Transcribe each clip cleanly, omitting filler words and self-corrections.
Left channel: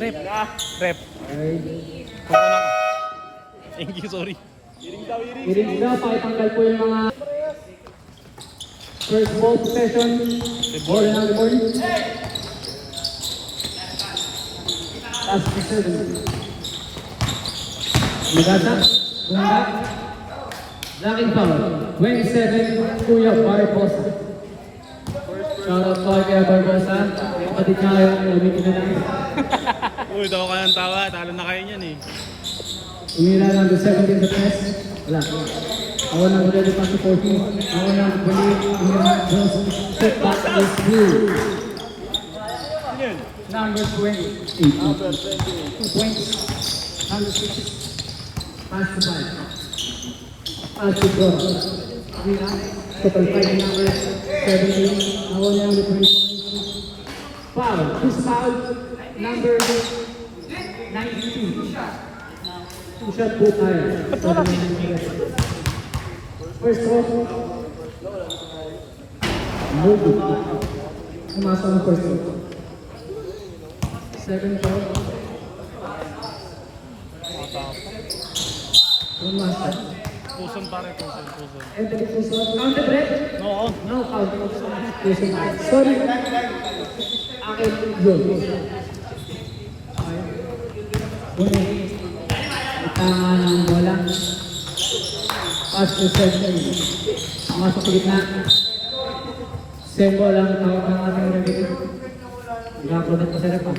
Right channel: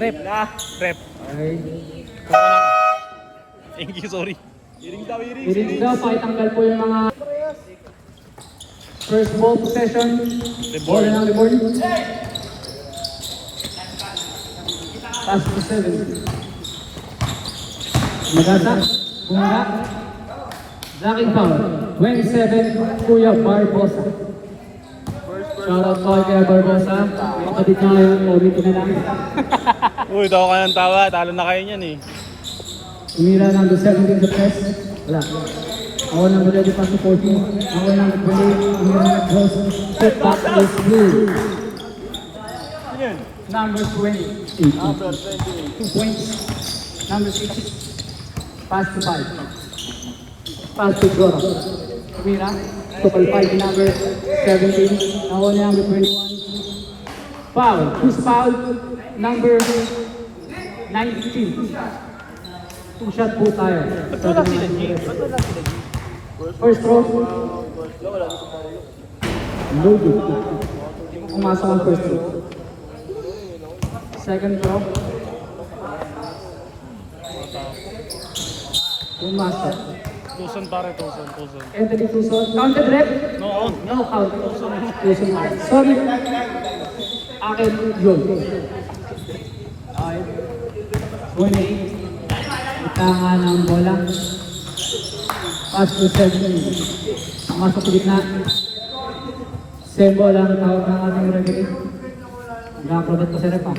Rep. Rep. Kukunan ka. Thank you, sorry. Iring daw, pakitanggal po yung mga first ball possession. Reward. Maganda. Bumagak. Blocking foul. 27, Kuya Barbosa. Shoutout foul kaya Barbosa. Kapatid niya ngayon, ulitin na lang. Uy, tawa ka ng tawa. Talo na kayo niyan eh. Umila ng the 17 sa press. Wala. Ako nang maganda pa support mo. Ako nang balik. Step back is blue. Number 20. 2 points. Number 6. Pass to 5. Pass to 4. Umila. To qualify the number 17. Ako number 21. Foul. This foul. Number 92. Two-shot po tayo. Ba't wala sila, James? Ba't wala sila, James? First throw. Lugo. Umasa ang first throw. Second throw. Umasa. Tuson pare, tuson. Anthony Tuson. Counter left. No, on. No, counter. Tuson. Sorry. Akin, yun. Winning. Tama ng bola. Pass to 7. Masok sa gitna. Same bola ang tawag ng ating referee. Nag-product pa sa repa.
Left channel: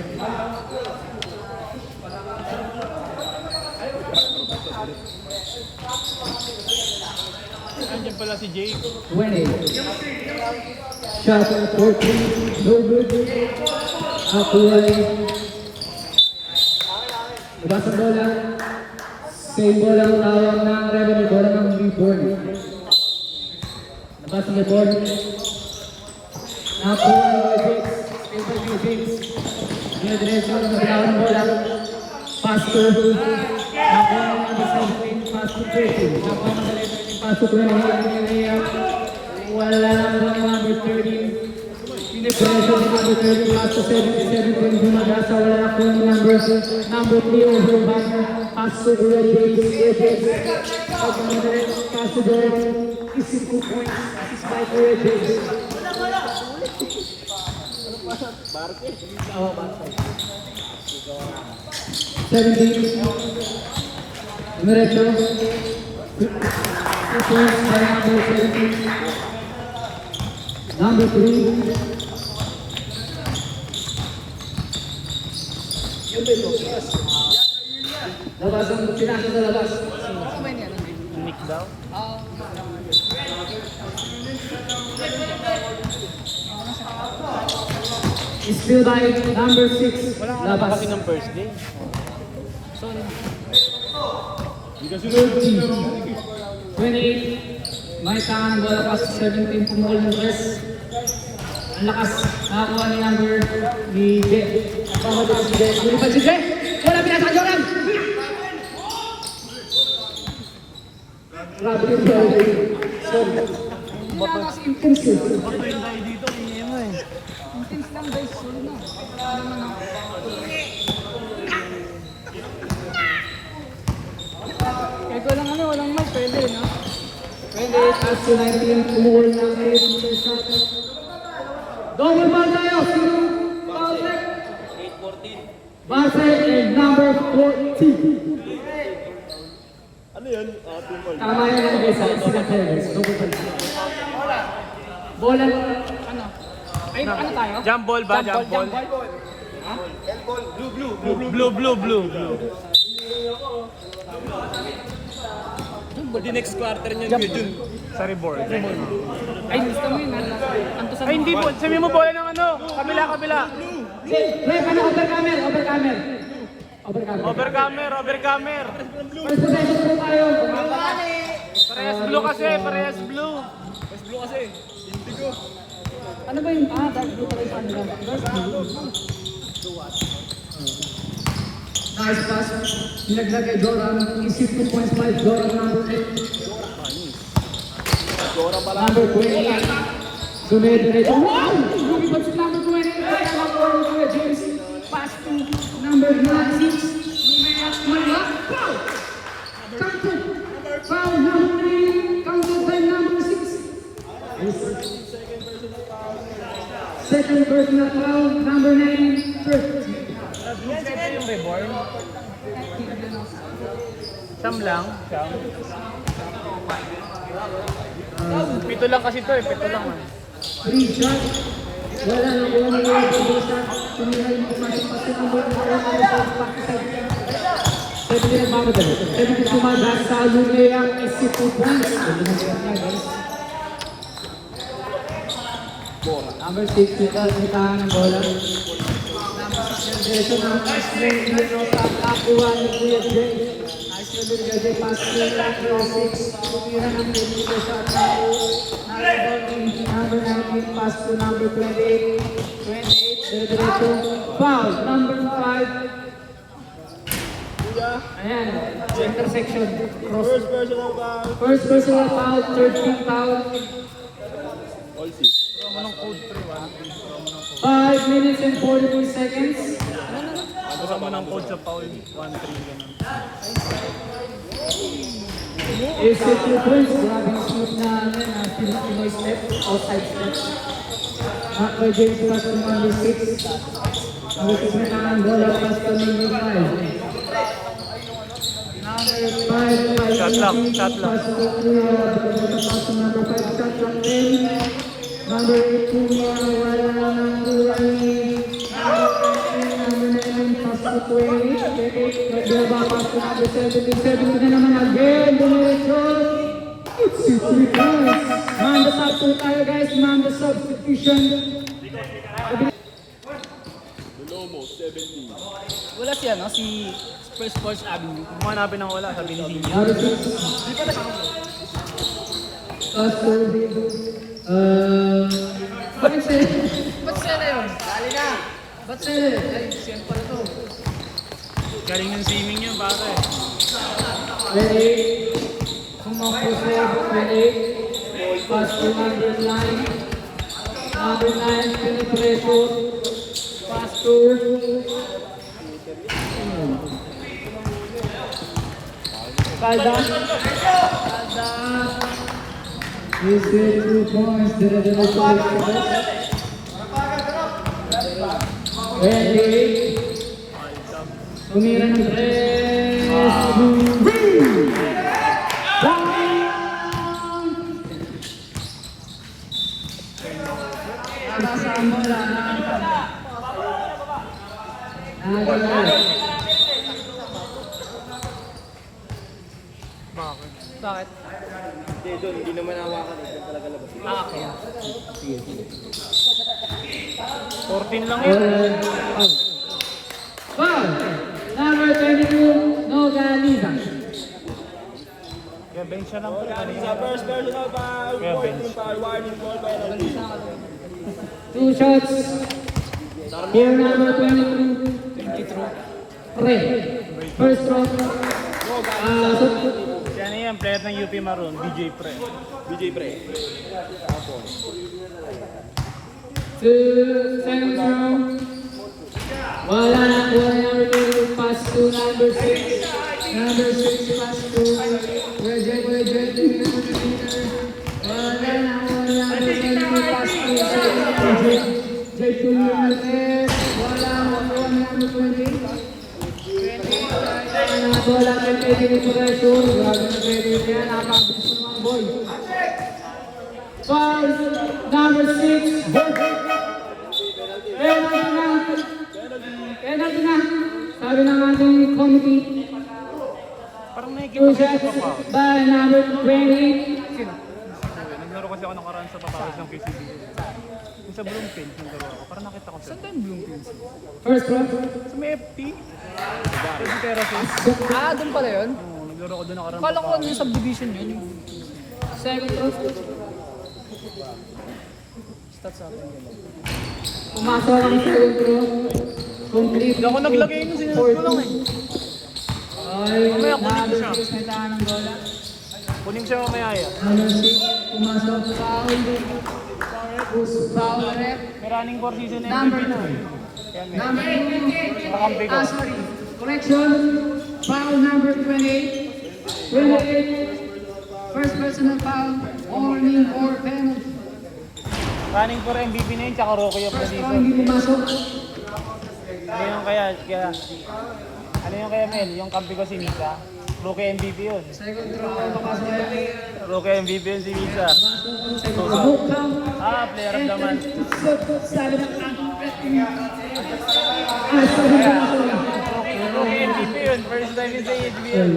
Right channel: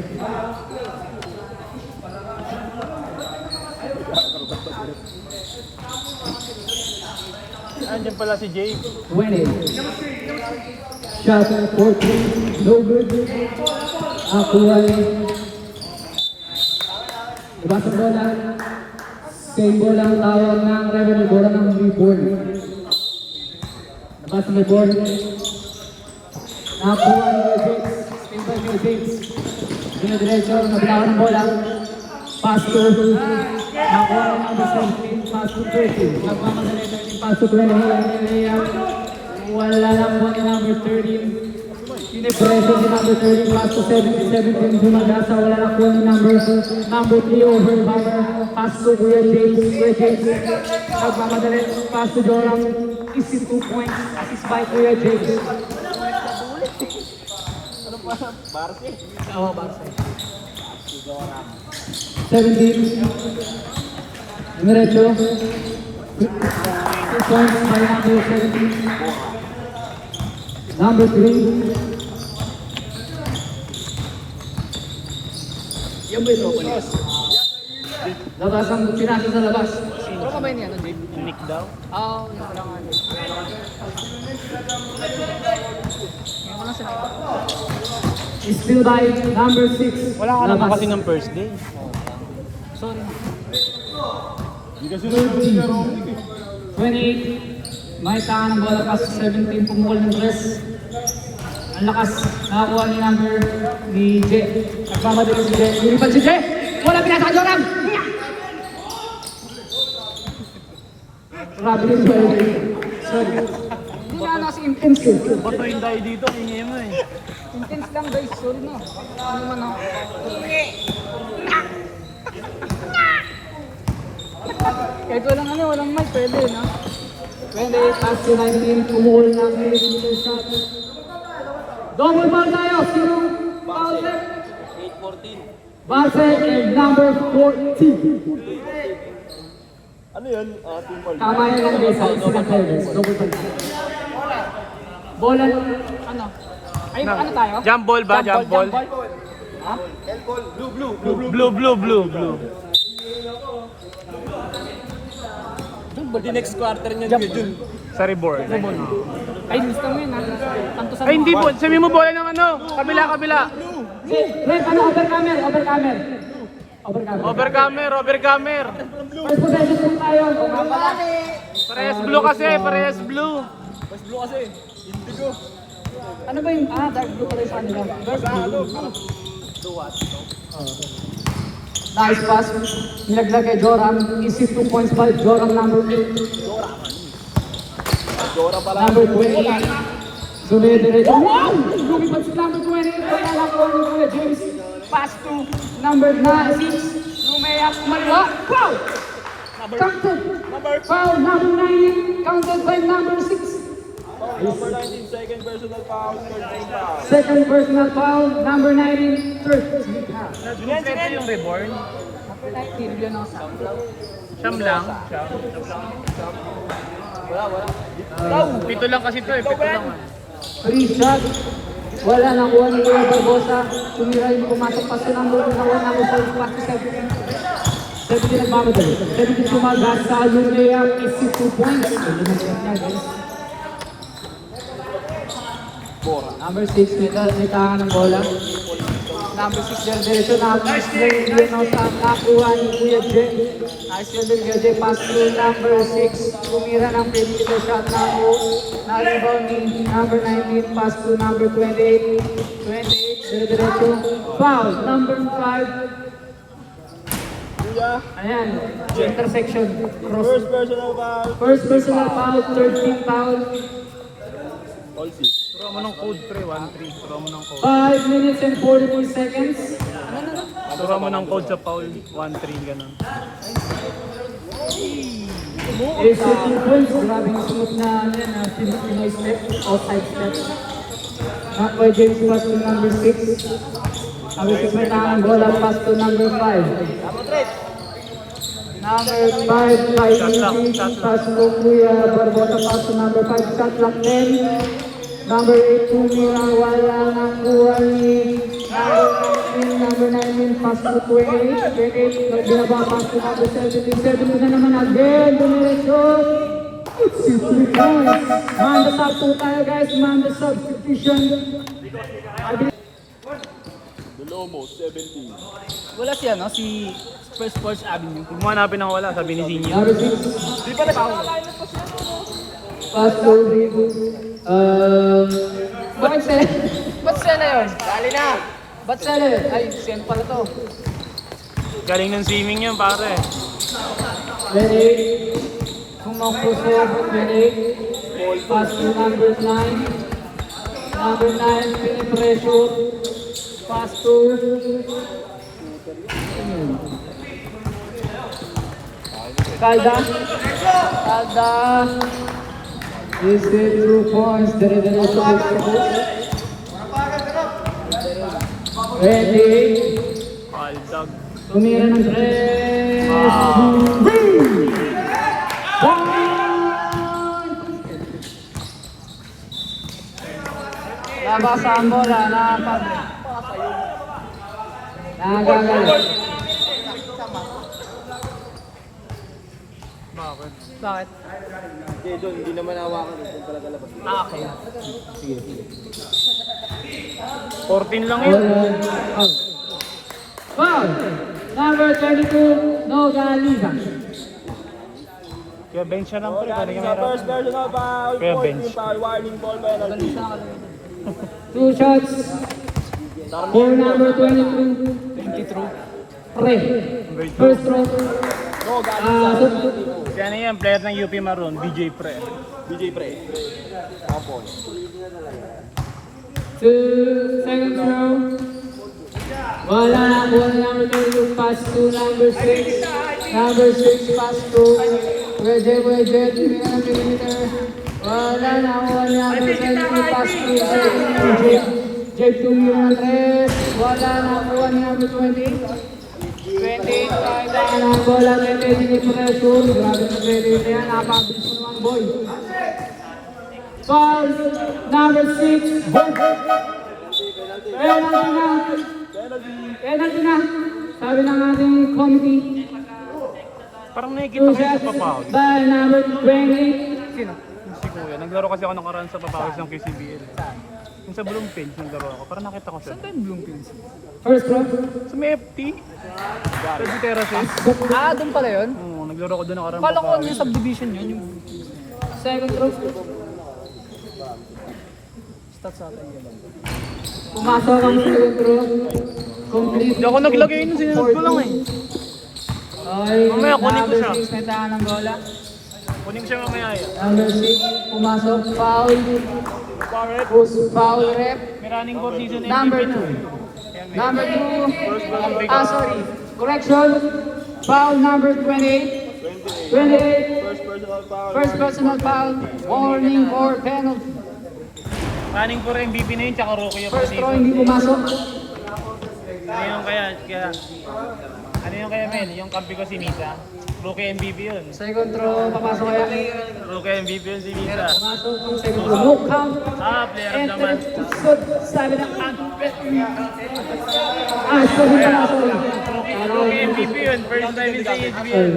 Andiyan pala si Jake. Winning. Shot at 14. No good. Akuhay. Diba sa bola? Same bola ang tawag ng revenue. Bola ng reborn. Diba sa reborn? Akuhay ng James. Invite ng James. Dinadiretso ng mabinaw ng bola. Pass to. Nakuha ng number 17. Pass to 13. Nakuha ng pass to 20. Wala lang ang number 13. Pinipreso ni number 13. Pass to 77. Binagasa. Wala lang po yung number 3 over. Pass to James. Nagmamadali. Pass to Doran. Isip 2 points. Assist by Kuya James. Diretso. 2 points by number 17. Number 3. Yung ba yung labas ang sinabi sa labas. Ano ka ba yun yan? Nick daw? Oo. Still by number 6. Wala ka naman kasi ng first day. Sorry. 28. May kaan ng bola pass 17 pumukol ng press. Ang lakas nakakuha ni number ni Jay. Kasama dito si Jay. Lumipad si Jay! Wala pinasakyo lang! Grabe yung bola ni Jay. Sorry. Hindi na nasa intense eh. Bato yung tayo dito, ingay mo eh. Intense lang guys, sorry na. Ano man ako. Kahit walang ano, walang mic, pwede na. And pass to 19, pumukol na ang dito sa double ball tayo, sino? Bartek. 8-14. Bartek and number 14. Ano yun? Tama yan ang guys, sila players. Double ball. Bola, ano? Ay, ano tayo? Jump ball ba? Jump ball? Ha? Blue. Di next quarter niya dun. Sa reboard. Ay, gusto mo yun. Anto sa Ay, hindi po. Sabi mo bola ng ano? Kabila. Ref, ano? Overcamer. Overcamer. First possession po tayo. Parehas blue. Ano ba yung dark blue pa rin sa kanila? Nice pass. Nilaglag kay Joram. Isip 2.5. Joram number 3. Number 20. Dumidiretso. Wow! Lumipad si number 20. second personal foul, number 19, first. Kompleto yung reborn. Siyam lang. Pito lang kasi to eh. Pito lang. Free shot. Wala nang kuha ni Barbosa. Tumira yung pumasok pa sa number 2. Hawa namin sa 7 nagmamadali. 7 tumaga sa Yunea is 2 points. Number 6, nagkakaroon ng bola. Number 6, Gerson. Number 6, Gerson. Nakuha ni Gerson. Asyo ng Gerson. Pasok number 6. Tumira ng Gerson sa number 19. Pass to number 28. 28. Foul. Number 5. Ayan, intersection. First personal foul, 13 foul. 5 minutes and 44 seconds. Abura mo ng code sa foul. 1-3 ganun. Is it 2 points? Grabe yung slip na Filipino step, outside step. Not by James Watson, number 6. Ang ipipinahan bola pass to number 5. Number 5, pass to Kuya Barbosa, pass to number 5, shot clock 10. Number 8, Kuya, wala nang kuha ni number 9, pass to Kuya, 28, nagbinaba, pass to number 7 na naman again, dumiretso. It's 3 points. Number 5 po tayo guys, number substitution. Wala siya, no? Si First Sports Avenue. Kung hanapin ang wala, sabi ni Zinyo. Number 6. Di pa na tao. Pass to Ba't siya na yun? Bali na. Ba't siya na yun? Ay, siya pala to. Galing ng swimming yan, pare. 28. Sumampo siya, 28. Pass to number 9. Number 9, penetration. Pass to Calda. This is 2 points. Ready. Tumira ng 3. Nabasa ang bola. Bakit? Bakit? Hindi naman hawakan eh, kung talaga labas. Okay. 14 lang yun. Foul. Number 22, Nogaliza. Kaya bench siya ng Sa first personal foul, Kaya point bench. yung foul, warning ball penalty. 2 shots. For number 22. 3. First throw. Kaya na yan, player ng UP Maroon, BJ Pre. DJ Pre. Tapos. Second throw. Wala na. Number 2. Pass to number 6. Number 6 pass to Wedge. Wala na. Number 7 pass to J2 Jimenez. Wala na. Number 20. Bola na pwede pressure. Grabe na pwede yan. Nakakabis ng mga boy. Foul. Number 6. Penalty na. Sabi ng ating committee. Parang nakikita 2 ko yung shots foul. by number 28. Naglaro kasi ako nakaraan sa Papakis ng KCBL. Yung sa Bloomfield, yung laro ko. Parang nakita ko siya. Saan yung Bloomfield? First round. Sa may FT. Sa terraces. Ah, doon pala yun? Naglaro ko doon nakaraan. Kala ko ano yung subdivision yun. Yung Second round. stats sa atin. Pumasok ang second round. Complete. Hindi ako naglagay yun, sinunod ko lang eh. Ay, Mamaya, kunin ko siya. number 6 na tayo ng bola. Kunin siya mamaya eh. Number 6. Pumasok. Foul. Foul rep. May running board dito na Number 2. Number 2. Sorry. Correction. Foul number 28. 28. First personal foul. Warning or penalty. Running for MVP na yun, tsaka rookie of the First throw, season. hindi pumasok. Ano yung ano yung kaya Mel? Yung kampi ko si Misa. Rookie MVP yun. Second throw, papasok kaya. Rookie MVP yun si Misa. Hook count. Player of the month. Good side ng sorry na ako. Rookie MVP yun. First time in sa HBL.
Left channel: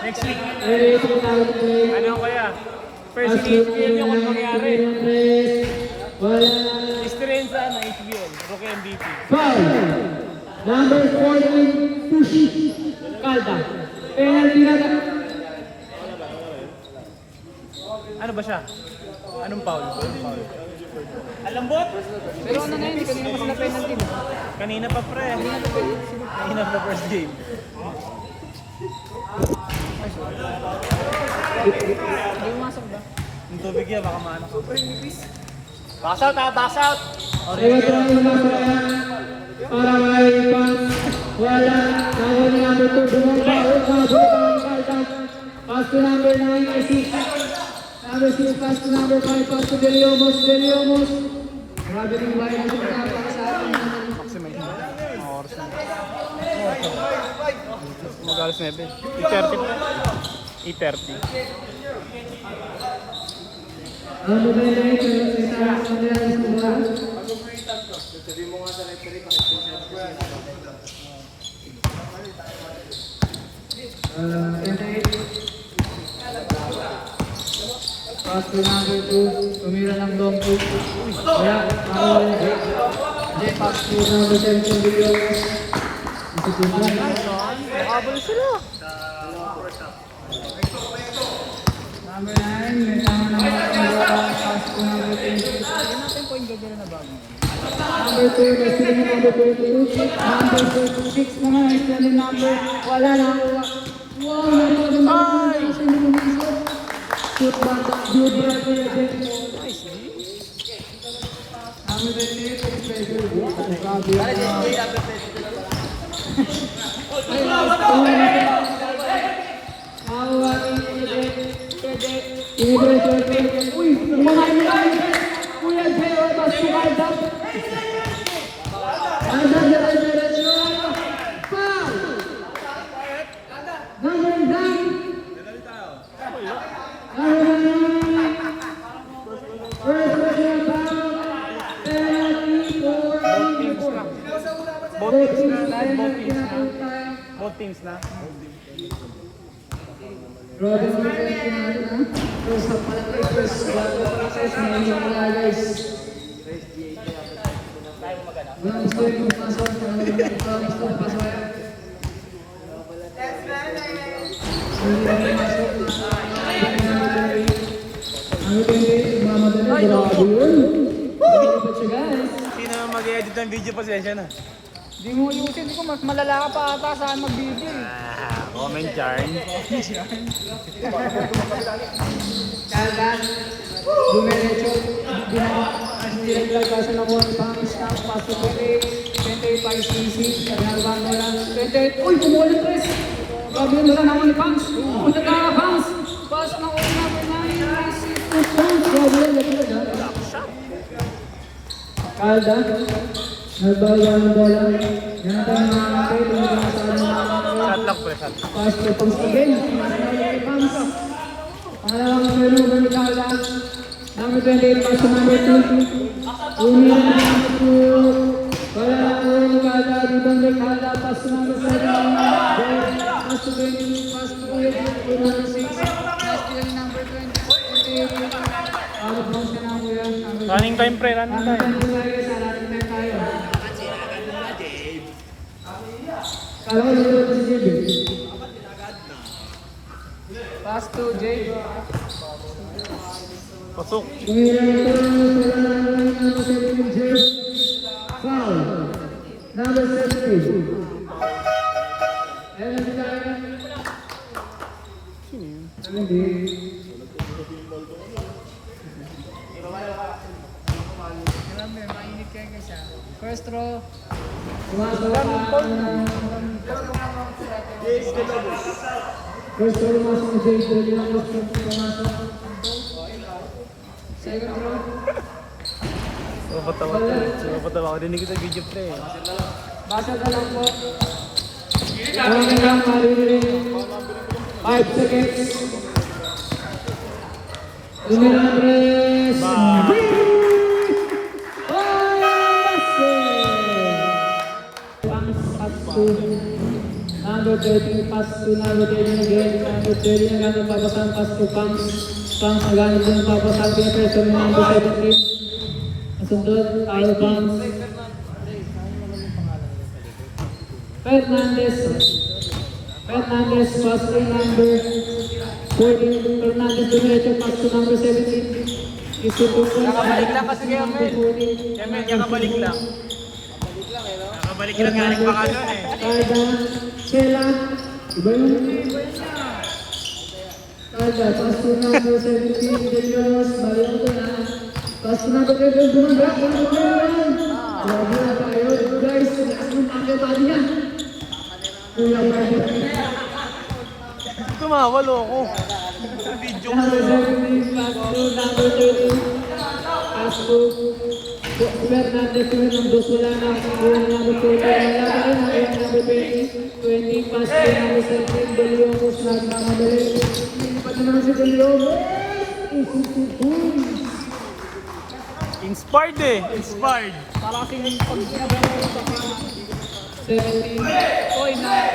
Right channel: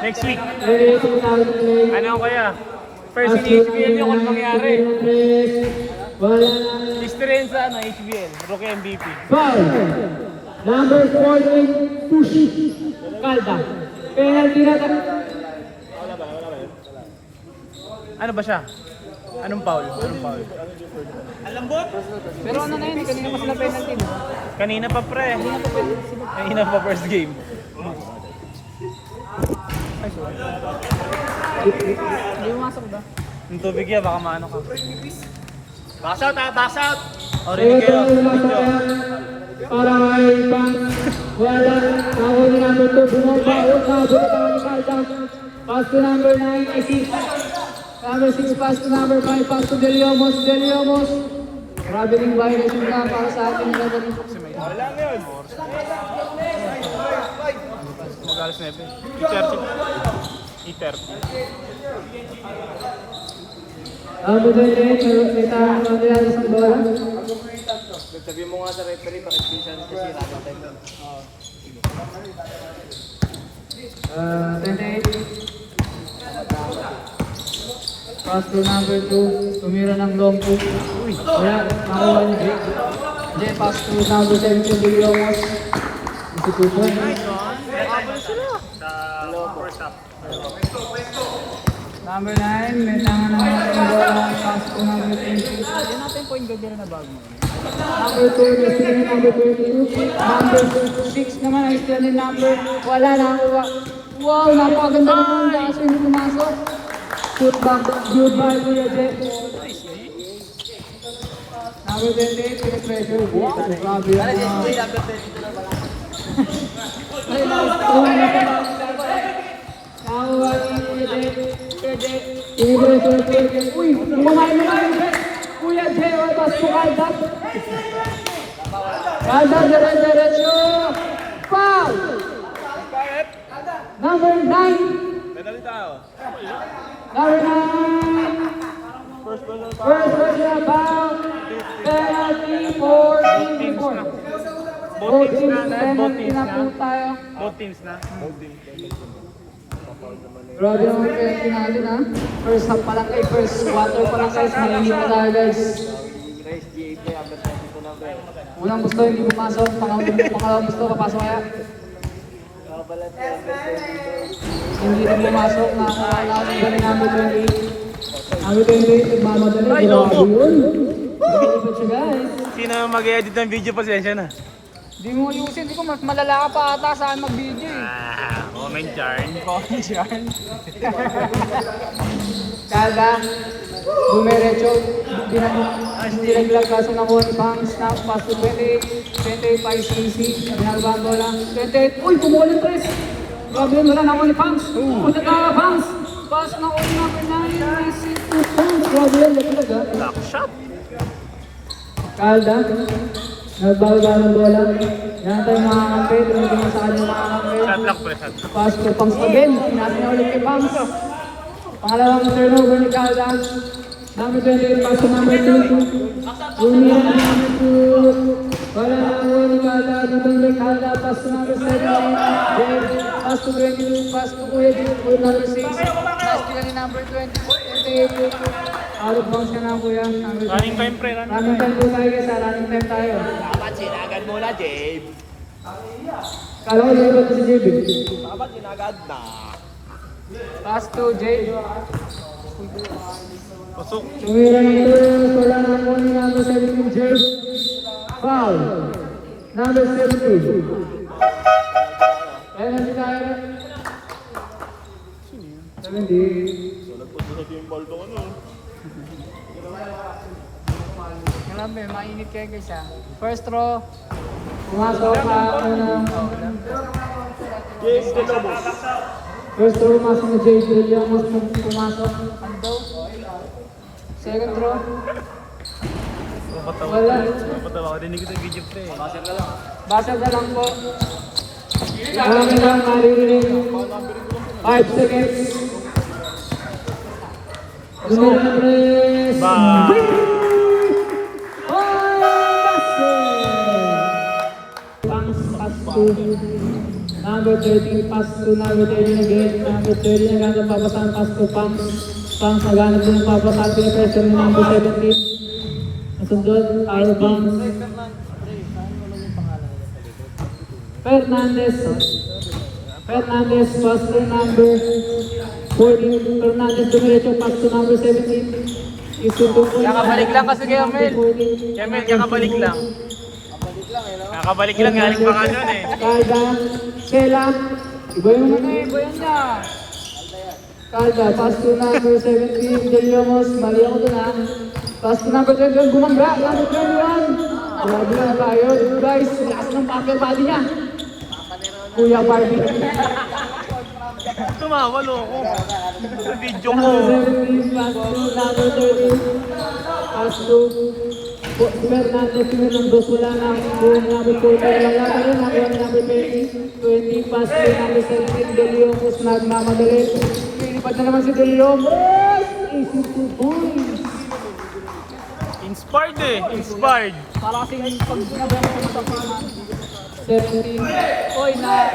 Next week. Ready to now play. Ano kaya? First in HBL yung ano nangyari. Wala. Experience sa HBL. Rookie MVP. Foul. Number 4, Pushi. Calda. Penalty na. Ano ba siya? Anong foul? Pero ano na yun, kanina mas na penalty. Kanina pa pre. Kanina pa first game. Hindi pumasok ba? Yung tubig yan, baka maano ko. Box out ha! Box out! Second throw muna para may pang. Wala. Ako na number 2. Bumaba. Calda. Pass to number 9. Assist. Number 6, pass to number 5, pass to Deliomos. Grabe rin violation ka para sa atin. Mag-alas 9. I-30. Ano ba nila yun? Pero sa isang kanila sa bola. Pass to number 2. Tumira ng long po. Kaya, nakawala niya. Pass to number 7 to Deliomos. Institution. Number 9, may number 9, pass to number 10. Number 2, next to number 22. Number 6 mga next to number. Wala na. Wow, napaganda naman. Kasi hindi pumasok. Shoot back, good by Kuya Jet. Number 28, Kuya Pressure. Uy, mulai. Kuya Jet, basta Aldap. Aldap, diretso. Foul! Number 9. First person foul. Penalty for team. Both teams na. Both teams na. Both teams na. Roger, natin na. First half pala kayo. First quarter pala kayo sa Manila Riders. Unang gusto yung pumasok. Pangalawang gusto papasok kaya. Hindi kami pumasok. Ang ilang days, mamadali. Grabe yun. Sino mag-edit ng video, pasensya na. Hindi mo, kasi hindi ko mas malala ka pa ata saan mag-video eh. Comment yarn. Calda, numerecho, dinagdag kasi ng mga bangs na pasupili, 25cc, ginagawa lang, 28, uy, pumulit pa rin! Grabe yun, wala na ako ni Bangs, punta tayo na Bangs! Pas na una po na yung Bangs, grabe yun, wala talaga. Calda, nagbaga ng bola, natin mga kapit, Shot lock pre, shot lock. pass to Bangs again, nasa mga Bangs. Pangalawang turnover ni Calda. Number 28, pass to number 2. Uni ang number 2. Wala na po ni Calda. Dito ni Calda. Pass to number 7. Pass to 20. Pass to Kuya. Number 6. Last pila ni number 20. 28. Out of bounds ka na Kuya. Number 6. Running time pre, running Running time. time po tayo sa running time tayo. Dapat sinagad mo na, Jade. Kala ko sa'yo ba si JB? Dapat sinagad na. Pass to Jade. Pasok. Tumira ng turnover. Wala na lang ni number 7 yung Jade. Foul. Number 17. Ayan ang tayo. 70. Alam mo, mainit kayo guys ah. First row. Pumasok ka ng first row, pumasok ni Jade. Yung pumasok. Second row. Wala. Napatawa ko. Dinig ko sa video pre. Basa na lang po. Ang lang maririnig. 5 seconds. Numero 3. Number 13, pass to number 13 again. Number 13 ang gano'ng papasang pass to Pams. Pams ang gano'ng din papasang pinapwesto ng number 17. Nasundot, Kyle Pams. Fernandez, pass to number 14. Fernandez, dumiretso, pass to number 17. Isuto ko. Nakabalik lang kasi kayo, Mel. Kemel, kakabalik lang. Kakabalik lang, galing pa ka nun eh. Kalda, Kailan, Boom, Kalda, pass to number 17, Miguel Ramos, bali ako doon ha. Pass to number 21, bumambra, number 21. Grabe na tayo, guys, lakas ng pakyo, bali na. Kuya Party. Tumawalo ko. Sa video ko. Number 17, pass to number 13. Pass to Fernandez, ng dos wala na. Buong number 20, wala pa rin. Ang number 20, 20, pass to number 17, De Leon, snag naman ulit. Pag na naman si De Leon. Inspired eh. Inspired. 17. Oy, na.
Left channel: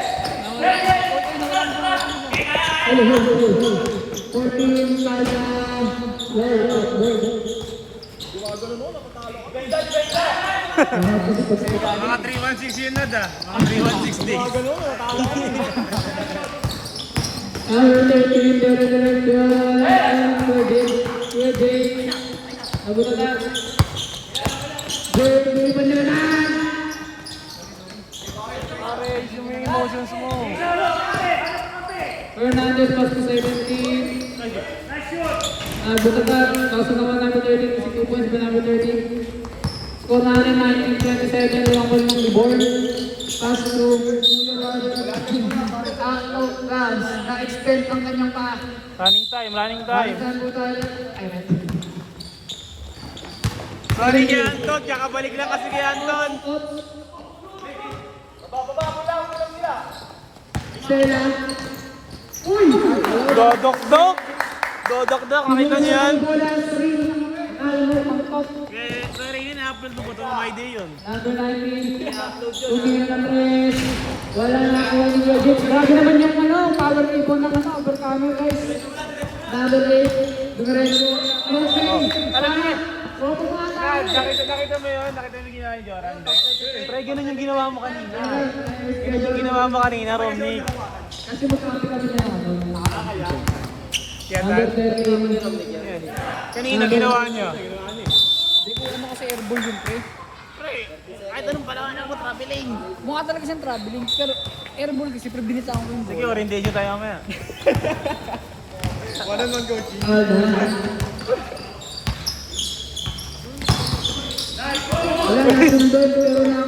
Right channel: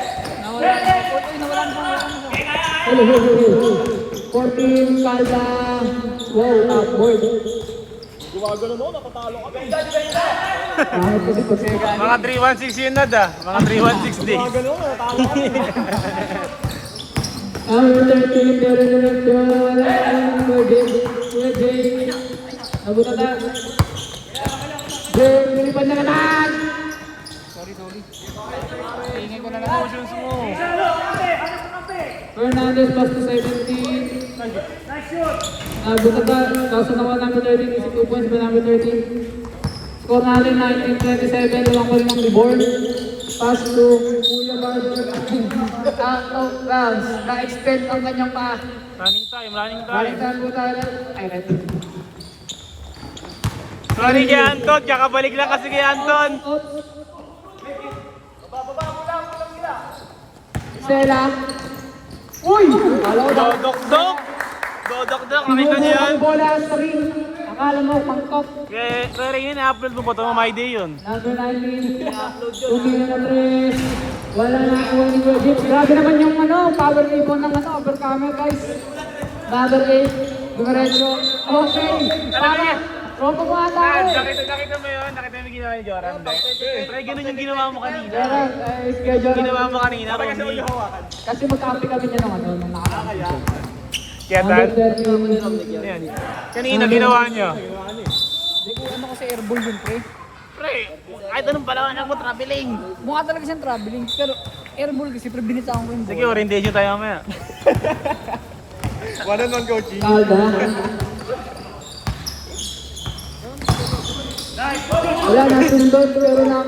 14, Kalda. Wow, boy. Mga 316 yun na da. Mga 316 days. Number 13, number Jay. Abot na. Jay, pa na naman. Emotions mo. Fernandez, pass to 17. Abot na. Kaso naman number 13, is 2 points ba number 13? Score natin 19-27, lang ko yung board. Pass to Kuya Barber. Na-extend ang kanyang pa. Running time, running time. Balikan po tayo. Ay, right. Sorry kay Anton, kakabalik lang kasi kay Anton. Sela. Uy! Dodok-dok. Dodok-dok, nakita niyo yun? Bola sa ring. Akala mo pangkat. Sorry yun, i-upload mo pa ito, my day yun. Number 19. Tumira na 3. Wala na ako yung Egypt. Grabe naman yung power rate ng upper camera guys. Number 8. Dumaretso. Okay. Para. Roto mo ata. Nakita mo yun? Nakita mo yung ginawa ni Joram, de? Pre, ganun yung ginawa mo kanina. Schedule. Ginawa mo kanina, Romney. Kasi magkapi kami niya naman. Kaya Number dahil, 13. kanina ginawa niya. Airborne yun, pre. Pre, kahit anong pala ako traveling. Mukha talaga siyang traveling, pero airborne kasi pre binita ko lang. Sige, orientation tayo mamaya. Kalda. Wala na sundot pero na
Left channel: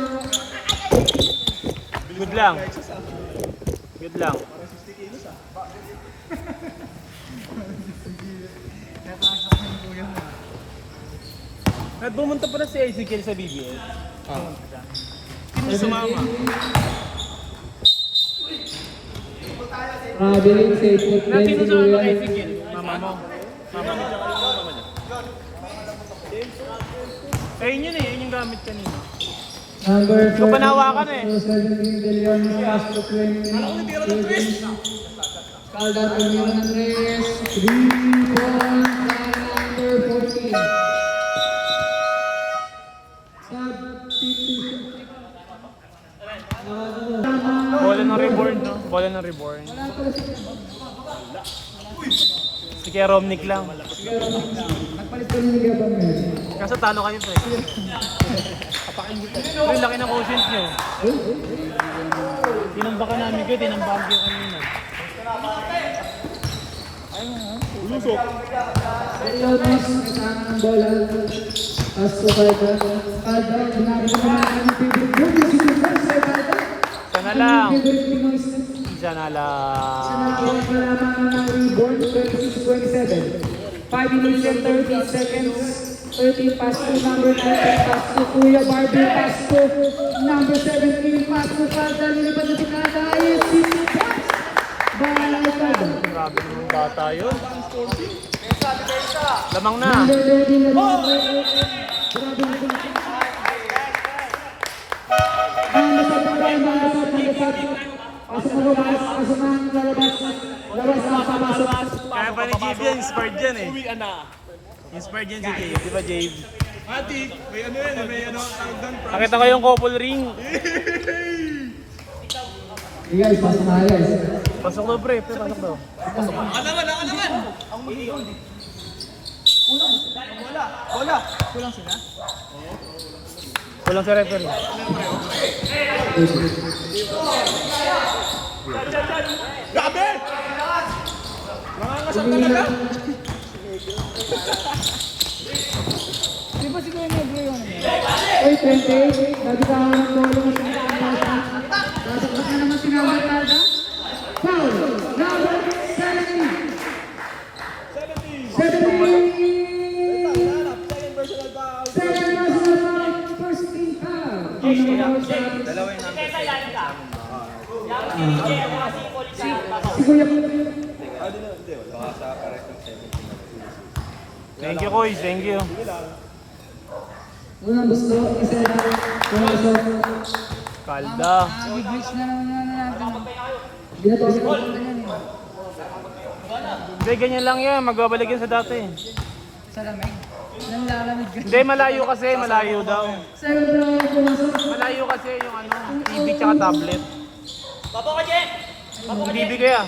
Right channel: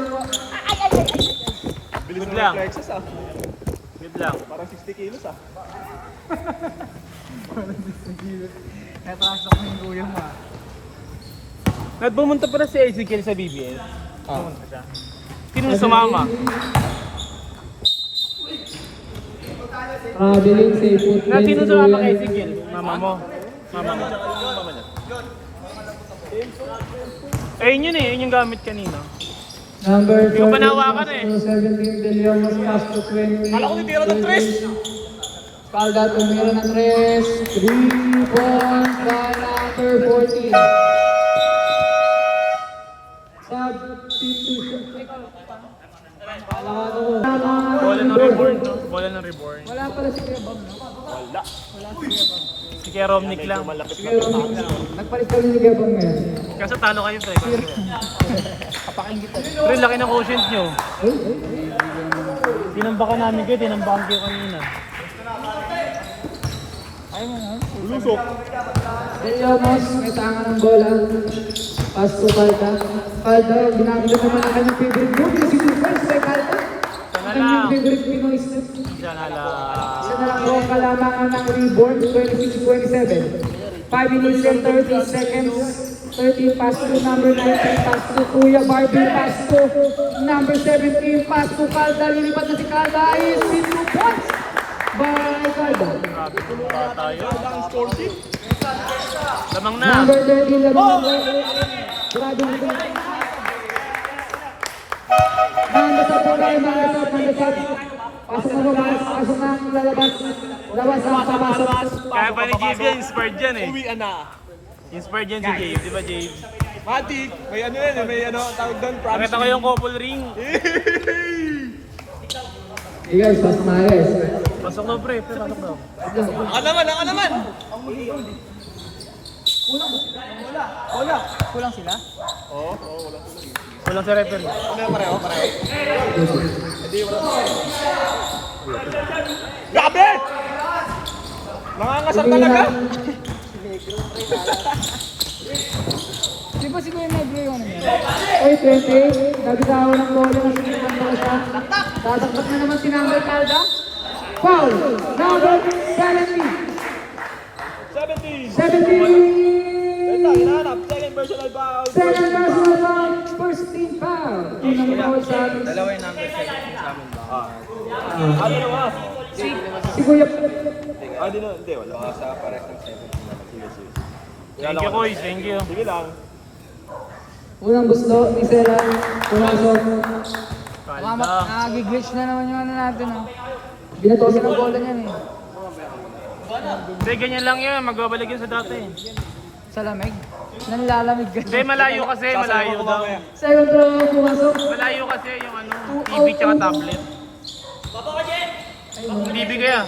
Good lang. Good lang. Kaya pasok yung kuya mo ah. At bumunta pala si Ezekiel sa BBL. Sino sumama? traveling safe foot At din sino si sumama kay Kuya. Ezekiel? Mama mo. Ayun yun eh, yun yung gamit kanina. Number Hindi ko pa nahawakan eh. 17 billion na pass to 20. Kala ko tira ng tres. Kalda tumira ng 3. 3 points sa number 14. Substitution. Bola ng reborn. Bola ng reborn. Wala pala si Kuya Bob, no? Si Kuya Romnick lang. Nagpalit kami ni Gabon ngayon. Kaso talo kayo, pre. Pero laki ng quotient nyo. Tinambakan namin kayo, tinambakan kayo kanina. Lusok. Ramos, kasama ng bola. Pass to Kalda. Kalda, ginamit naman ang kanyang favorite group. Yung si Super sa Kalda. Ang kanyang favorite Pinoy step. Isa nga lang. Isa na lang po kalamangan ng reboard, 26-27. 5 minutes and 30 seconds. 13 pass to number 13, pass to Kuya Barbie, pass to number 17, pass to Calda, lilipad na si Calda, ayun, sinipot! Balang na Calda. Grabe mo yung bata yun. Lamang na. Number 13, lamang na. Grabe na ito. Number 17, kaso na lalabas, kaso na lalabas, labas na kapasok. Kaya pa ni Jave yan, inspired yan eh. Inspired yan si Jave, di ba Jave? Matik, may ano yan, may ano, tawag doon, promise. Nakita ko yung couple ring. Hey guys, pasok na guys. Pasok na pre, pasok na. Ako naman! Kulang sila? Walang si referee. Pareho. Grabe! Nangangasar talaga! Di ba si Kuya Negro yung... 8:20, nabitawan ko yung Calda. Sasakbat na naman si Number Calda? Foul, number 70. 70. Second personal foul. Second personal foul, first team foul. Unang foul sa si Kuya. Thank you, Koy. Thank you. Unang gusto, isa lang. Pumasok. Kalda. Nag-glitch na naman yung ano natin. Binatosin Ang ako. bola niyan eh. Hindi, ganyan lang yun. Magbabalik yun sa dati. Sa lamig. Nanlalamig ka. Hindi, malayo kasi. Malayo daw. Sa'yo bro, pumasok. Malayo kasi yung ano, TV tsaka tablet. TV ko yan.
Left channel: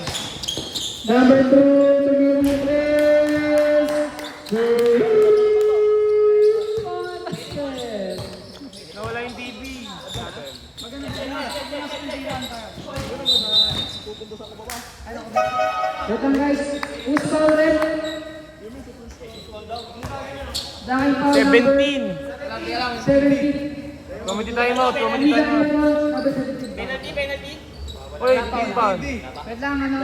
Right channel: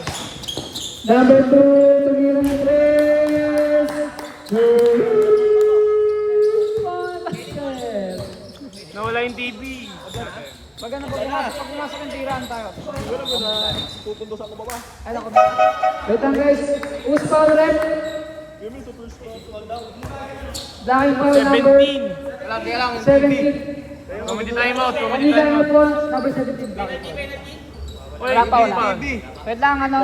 Number 2, tumira mo press. Nawala yung TV. Maganda po pumasok. Pag pumasok yung tiraan tayo. Ay, naku. Wait lang guys, who's foul rep? Dahil foul number 17. 17. Comedy time out. Comedy Amiga time na out. po, number 17. Uy, hindi pa. Wait lang, ano?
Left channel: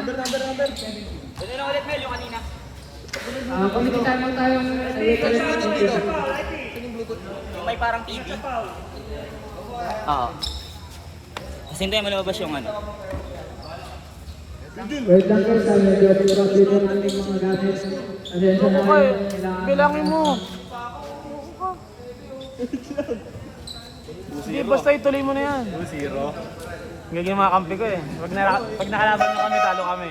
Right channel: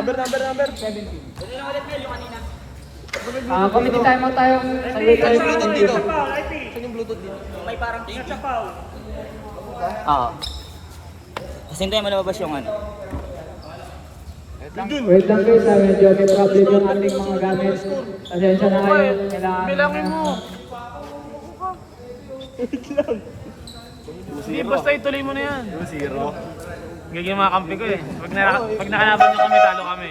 Committee time mo tayo. May parang TV. Oo. Kasi hindi malabas yung ano. Wait lang guys, medyo traffic yung ating mga gamit. Pasensya na kayo. Bilangin mo. Hindi, basta ituloy mo na yan. Gagawin mga kampi ko eh. Pag nakalaban nyo kami, talo kami.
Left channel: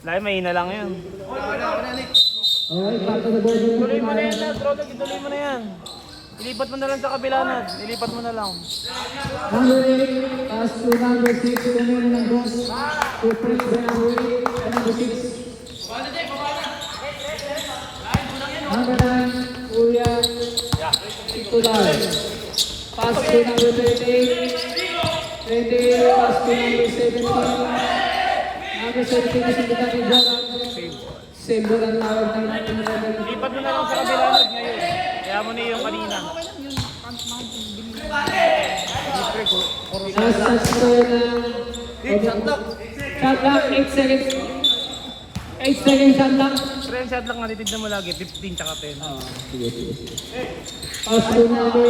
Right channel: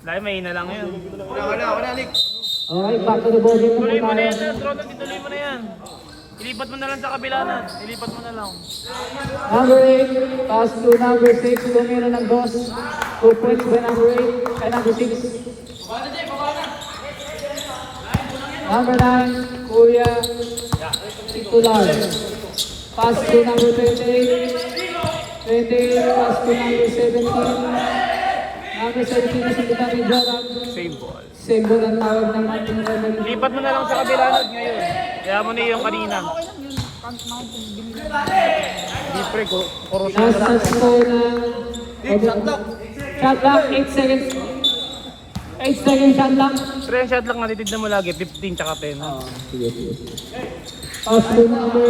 Dahil may ina lang yun. Okay, back to the board. Tuloy mo na yan, Trotot. Ituloy mo na yan. Ilipat mo na lang sa kabila na. Ilipat mo na lang. Number 8, pass to number 6, tumira ng dos. Open sa number 8, and number 6. Number 9, Kuya Titular. Pass to number 28. 28, pass to number 17. Number 17 is in the back of the same ball ang tawag ng number. Ilipat mo na lang sa kabila na ngayon. Kaya mo na yung kanina. Nasa score na shot clock, 8 seconds. 8 seconds shot clock. Pero yung shot lock natitignan mo lagi, 15 tsaka 10. Pass to number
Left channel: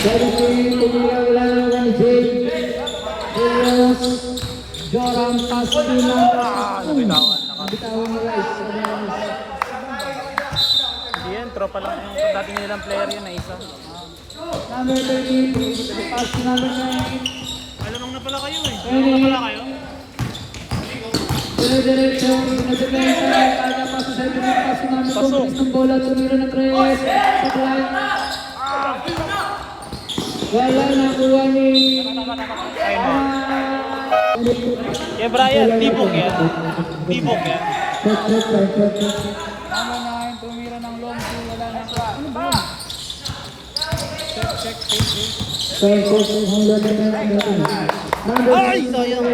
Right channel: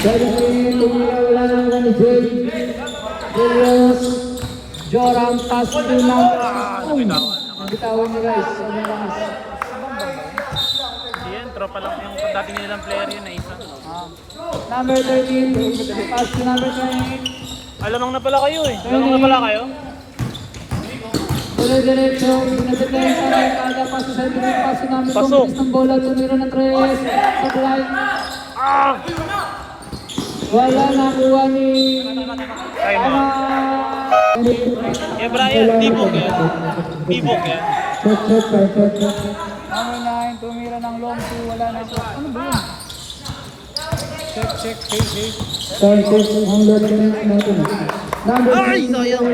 17, tumira wala na ako ni Jay. Julius, Joram, pass to number. Bitawan ni Rice. Yan, tropa lang yung dati nilang player yun na isa. Number 13, pass to number 9. Alamang na pala kayo eh. Alamang na pala kayo? Dire-diretso, nag-defense sa kada pass to 7, pass to number 2, bilis ng bola, tumira ng 3, supply. Wala nakuha ni... Time out. Eh Brian, tibok yan. Tibok yan. Nanginahin, tumira ng long two. Wala na sa... Ano ba yun? Ay, sayang!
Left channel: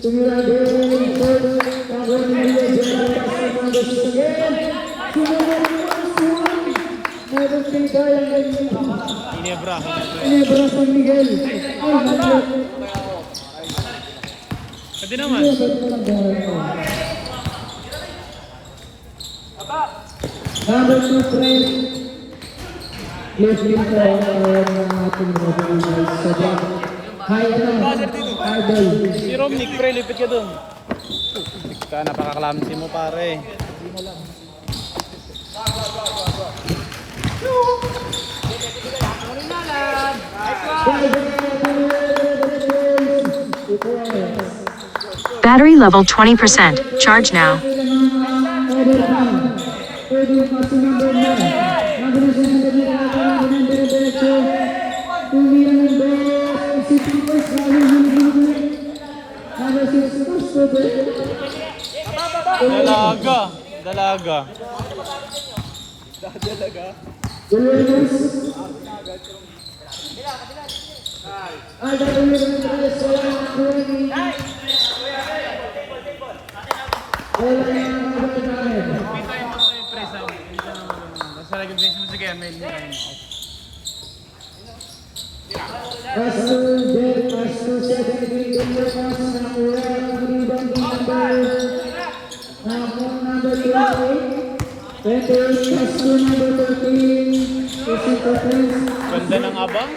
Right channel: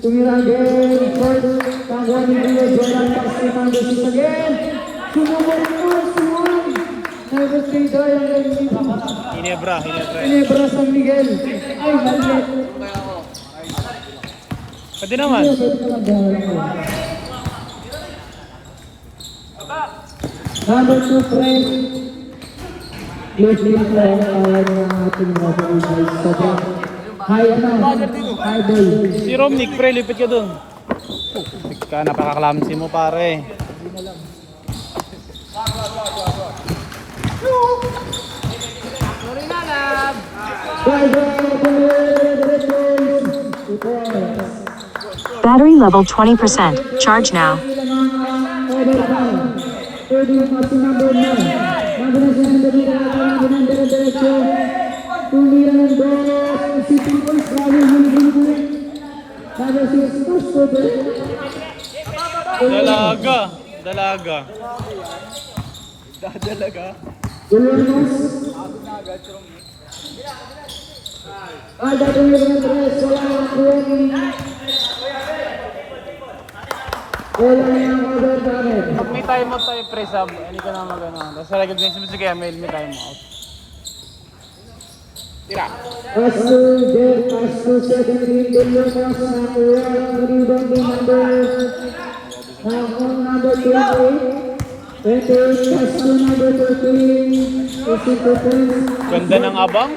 Tumira ang Jeremy Ford, kagawa ni Milo, Jordan, pass to number 6 again. Sumuman! Number 3, Daniel. Hinebra. Libra San Miguel. Pwede naman. Number 2 friend. Please leave the ating referee guys. Sobrang high na. High ball. Si Romnick, pre, lipit ka dun. Lipit ka, napakaklamsi mo pare. Battery level 20%. Charge now. Dalaga. Dalaga. Pag may time out tayo, pre, sab, hindi ka na mag-ano. Tapos sa lagay din sige, may time out. Ganda ng abang.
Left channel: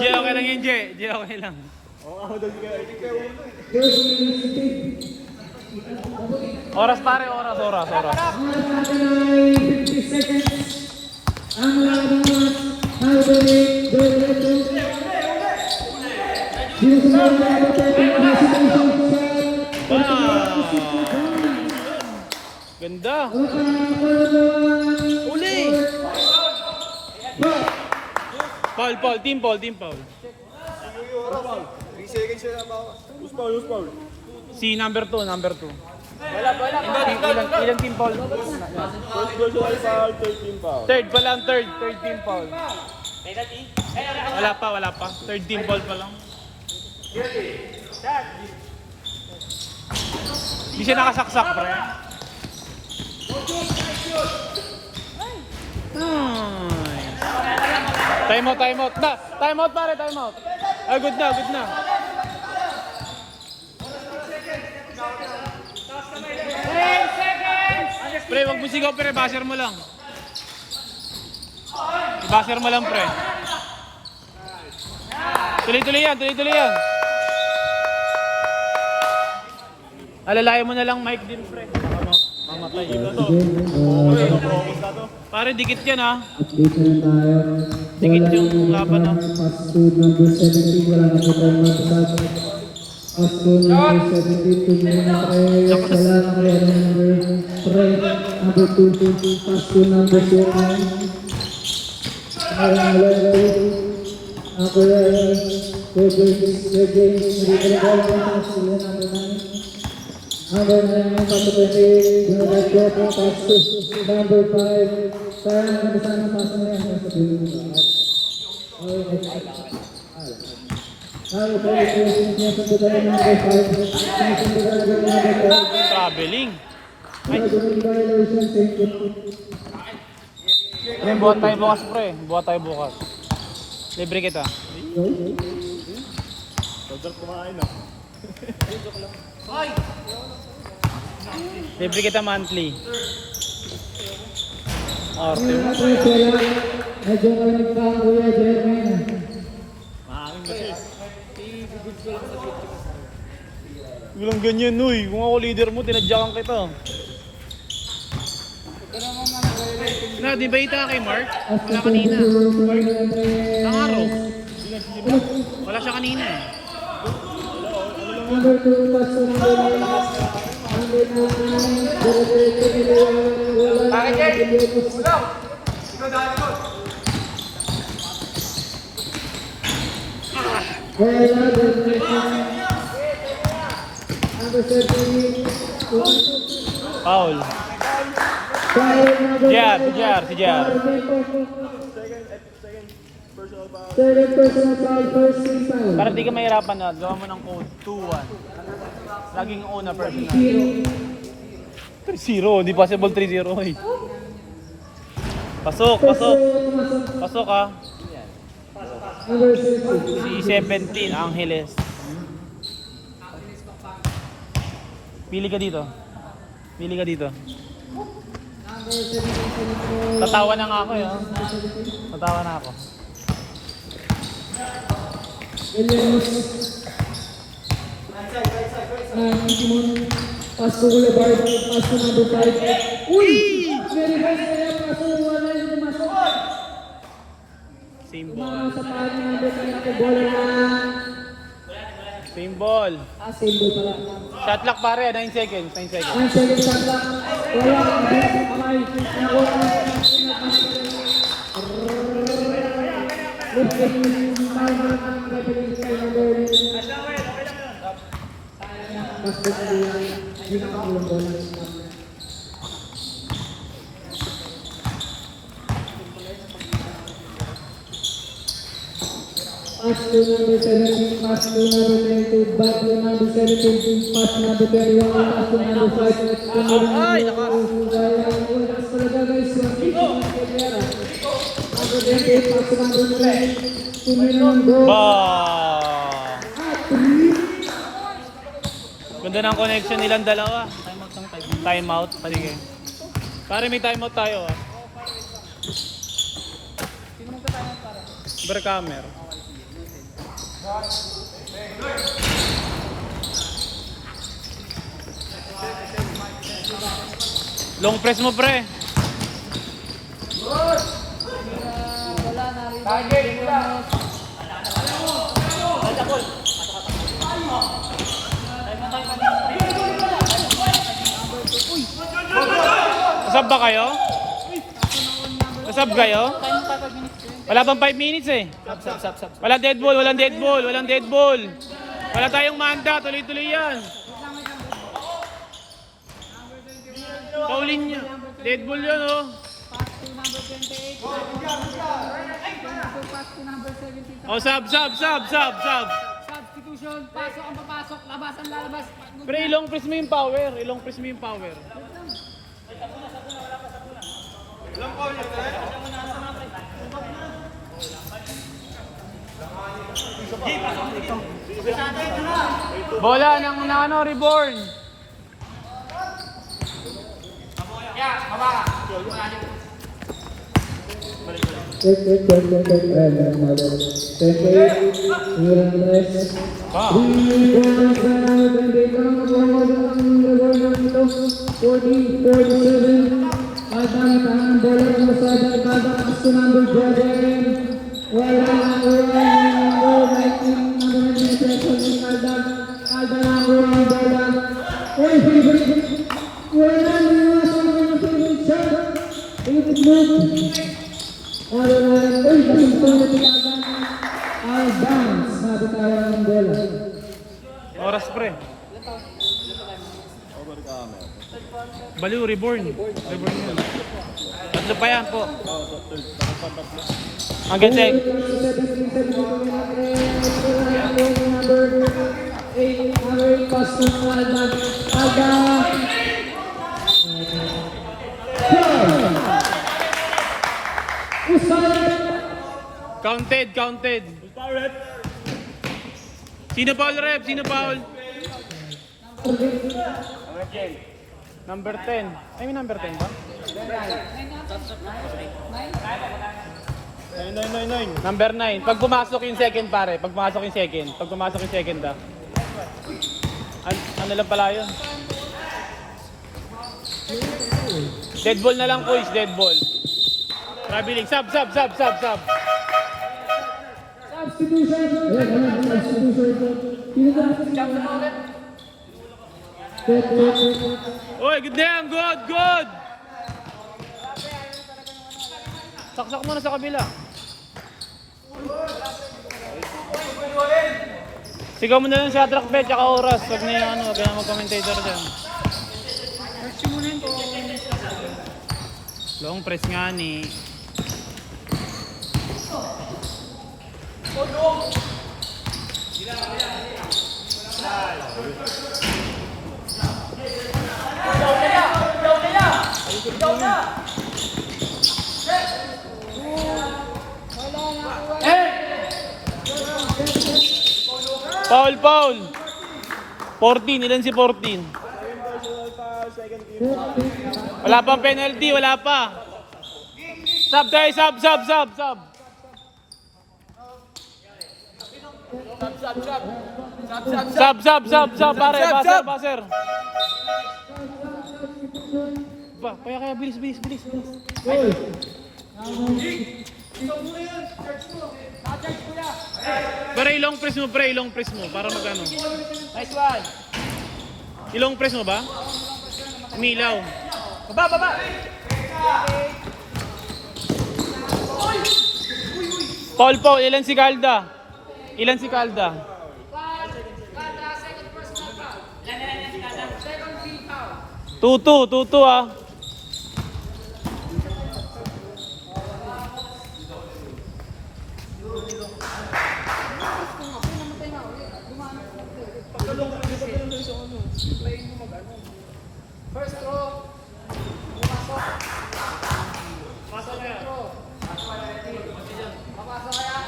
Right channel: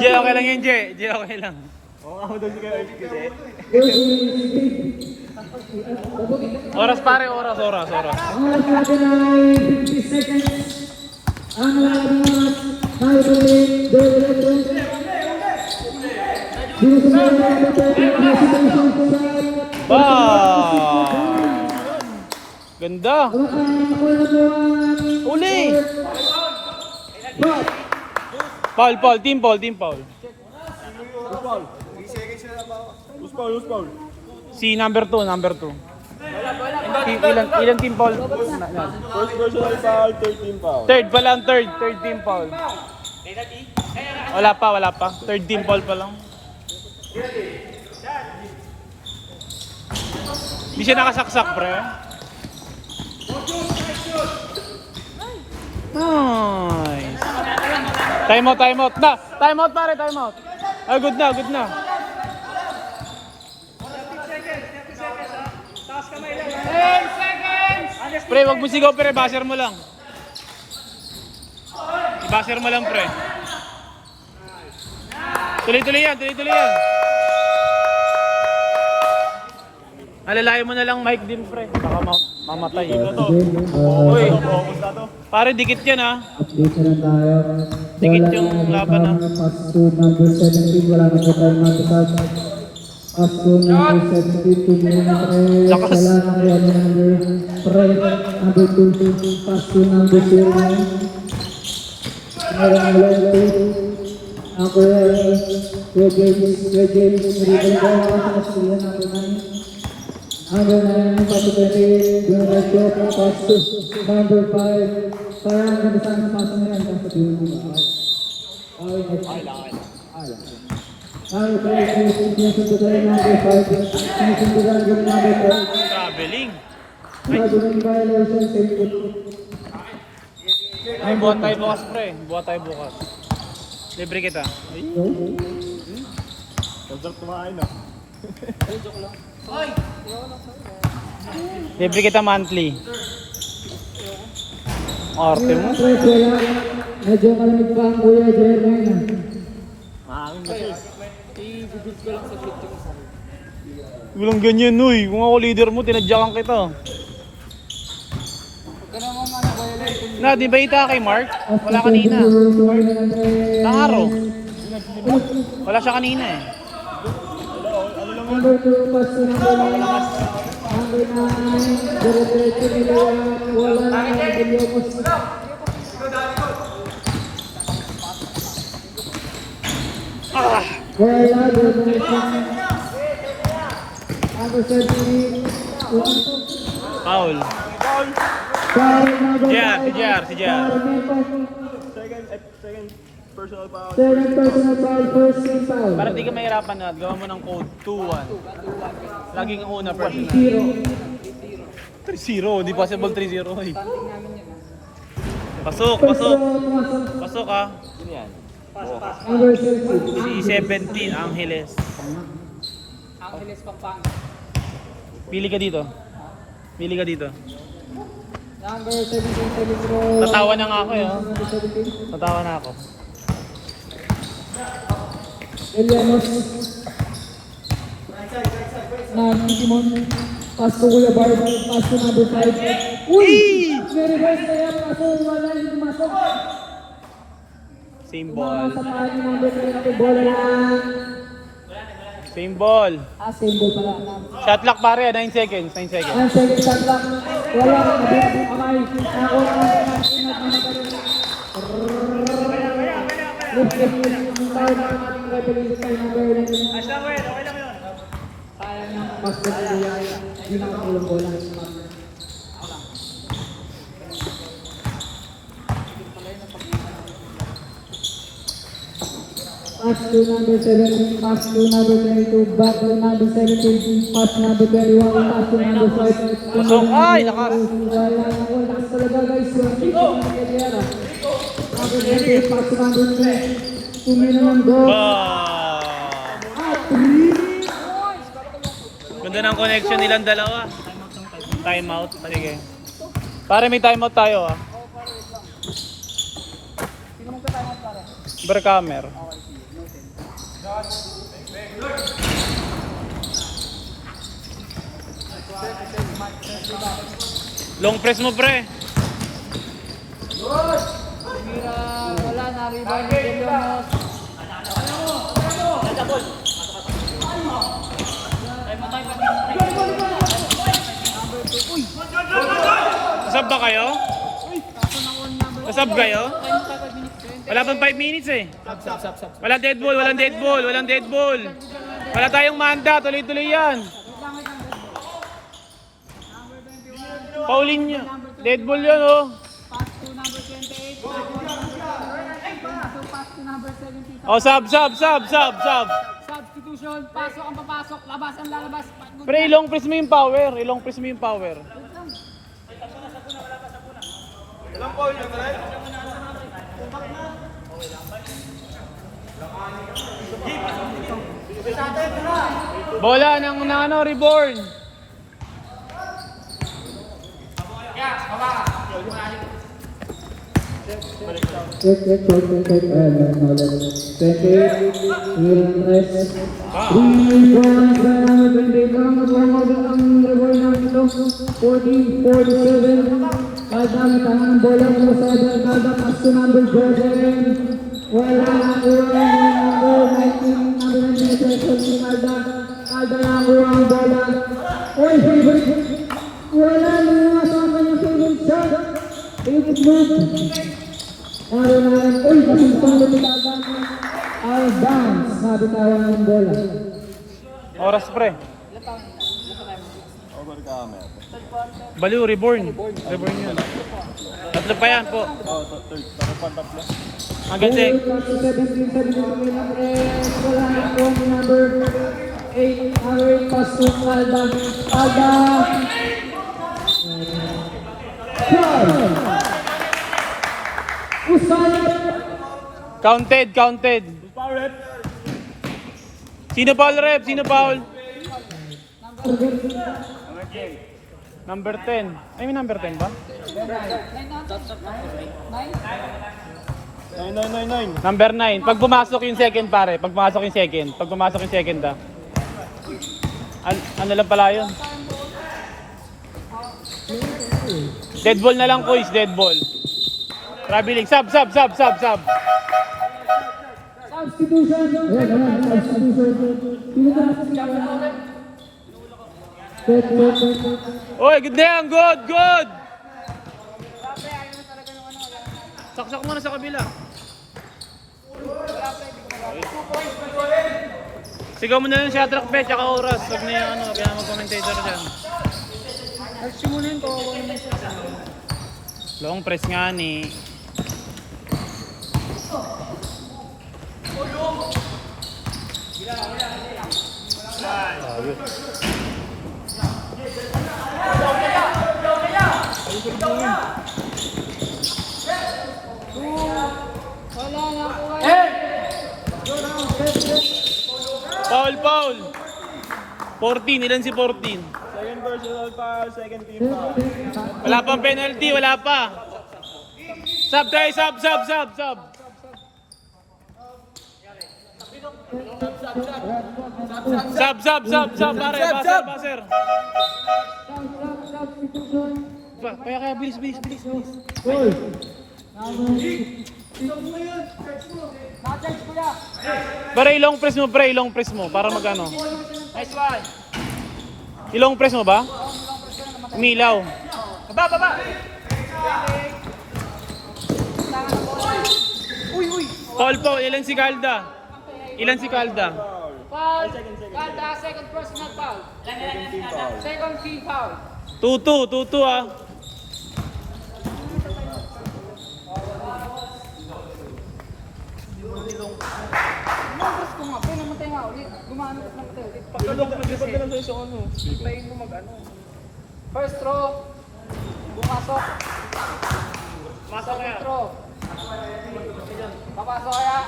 Jay, okay lang yan, Jay. Jay, okay lang. Oras pare, oras. Wow! Ganda! Uli! Foul, team foul. Si number 2. Ilang team foul? Third pa lang, third team foul. Wala pa. Third team foul pa lang. Hindi siya nakasaksak, pre. Nice. Time out. Time out, pare, time out. Oh, good na. Pre, wag mo sigaw, pre. Basher mo lang. I-basher mo lang, pre. Tuloy-tuloy yan. Alalayan mo na lang mic din, pre. Baka mamatay. Uy. Pare, dikit yan, ha. Dikit yung laban, ha. Pass to number 17, wala na po tayo matatag. Pass to number 17, 2 minutes, wala na kaya number 3, number 2, pass to number 2. Mayroon na ako Traveling. Ay, buhat tayo bukas, pre. Buhat tayo bukas. Libre kita. Libre kita monthly. Arte. medyo malamig pa ang Kuya Jermaine. Walang ganyan, uy. Kung ako leader mo, tinadyakan kita. Na, di ba ita kay Mark? Wala kanina. Ang araw. Wala siya kanina eh. Foul. Si Jar. Para di ka mahirapan na, gawa mo ng code 2-1. Laging una personal. 3-0, hindi possible 3-0 eh. Pasok, pasok. Pasok ah. Number 17. Si 17, Angeles. Pili ka dito. Pili ka dito. Number 17. Tatawa na nga ako eh. Oh. Tatawa na ako. Elianos. Simon. Pass to Kuya Barb. Pass to number 5. Uy! Very nice na yan. Paso, wala yung pumasok. Same Tumama ball. sa paan ni number 3. Bola lang. Same ball. Same ball pala. Shot clock pare, 9 seconds. 9 seconds. Ang second shot lang. Wala. Pass to number 17, pass to number 22, back to number 17, pass to number 21, pass to number 5, wala talaga guys. Pass to number 3, minimum goal. Ganda ng connection nilang dalawa. Timeout. Sige. Pare may timeout tayo ah. Berkamer. Long press mo pre. Nasab ba kayo? Nasab kayo? Wala pang 5 minutes eh. Walang dead ball, walang dead ball, walang dead ball. Wala tayong manda, tuloy-tuloy yan. Paulin niya. Dead ball yan oh. Oh, sub. Substitution, pasok ang papasok, labas ang lalabas. Pre, ilong press mo yung power. Ilong press mo yung power. Bola ng ano, reborn. Oras pre. Baliw, reborn. Reborn yan. Tatlo pa yan po. Hanggang check. Counted. Sino foul rep? Sino foul? Number 10. Ay, may number 10 ba? 9. Number 9. Pag pumasok yung second pare. Pag pumasok yung second ha. Ano lang pala yun? Dead ball na lang boys. Dead ball. Traveling. Sub. Oy, good na yan. Good. Saksak mo na sa kabila. Sigaw mo na lang sa track bet, tsaka oras. Huwag na yung ano, kaya mag-commentator dyan. Long press nga ni. Foul, foul. 14, ilan si 14? Wala pang penalty, wala pa. Sub tayo, sub. Sub, pare, baser. Kaya, bilis. Pare, ilong press mo, para magano. Nice one. Ilong press mo ba? Umilaw. Baba. Paul, ilan si Calda? Foul. Kada second personal foul. Second team foul. 2-2 ah. First throw. Pumasok. Second throw. Papasok kaya.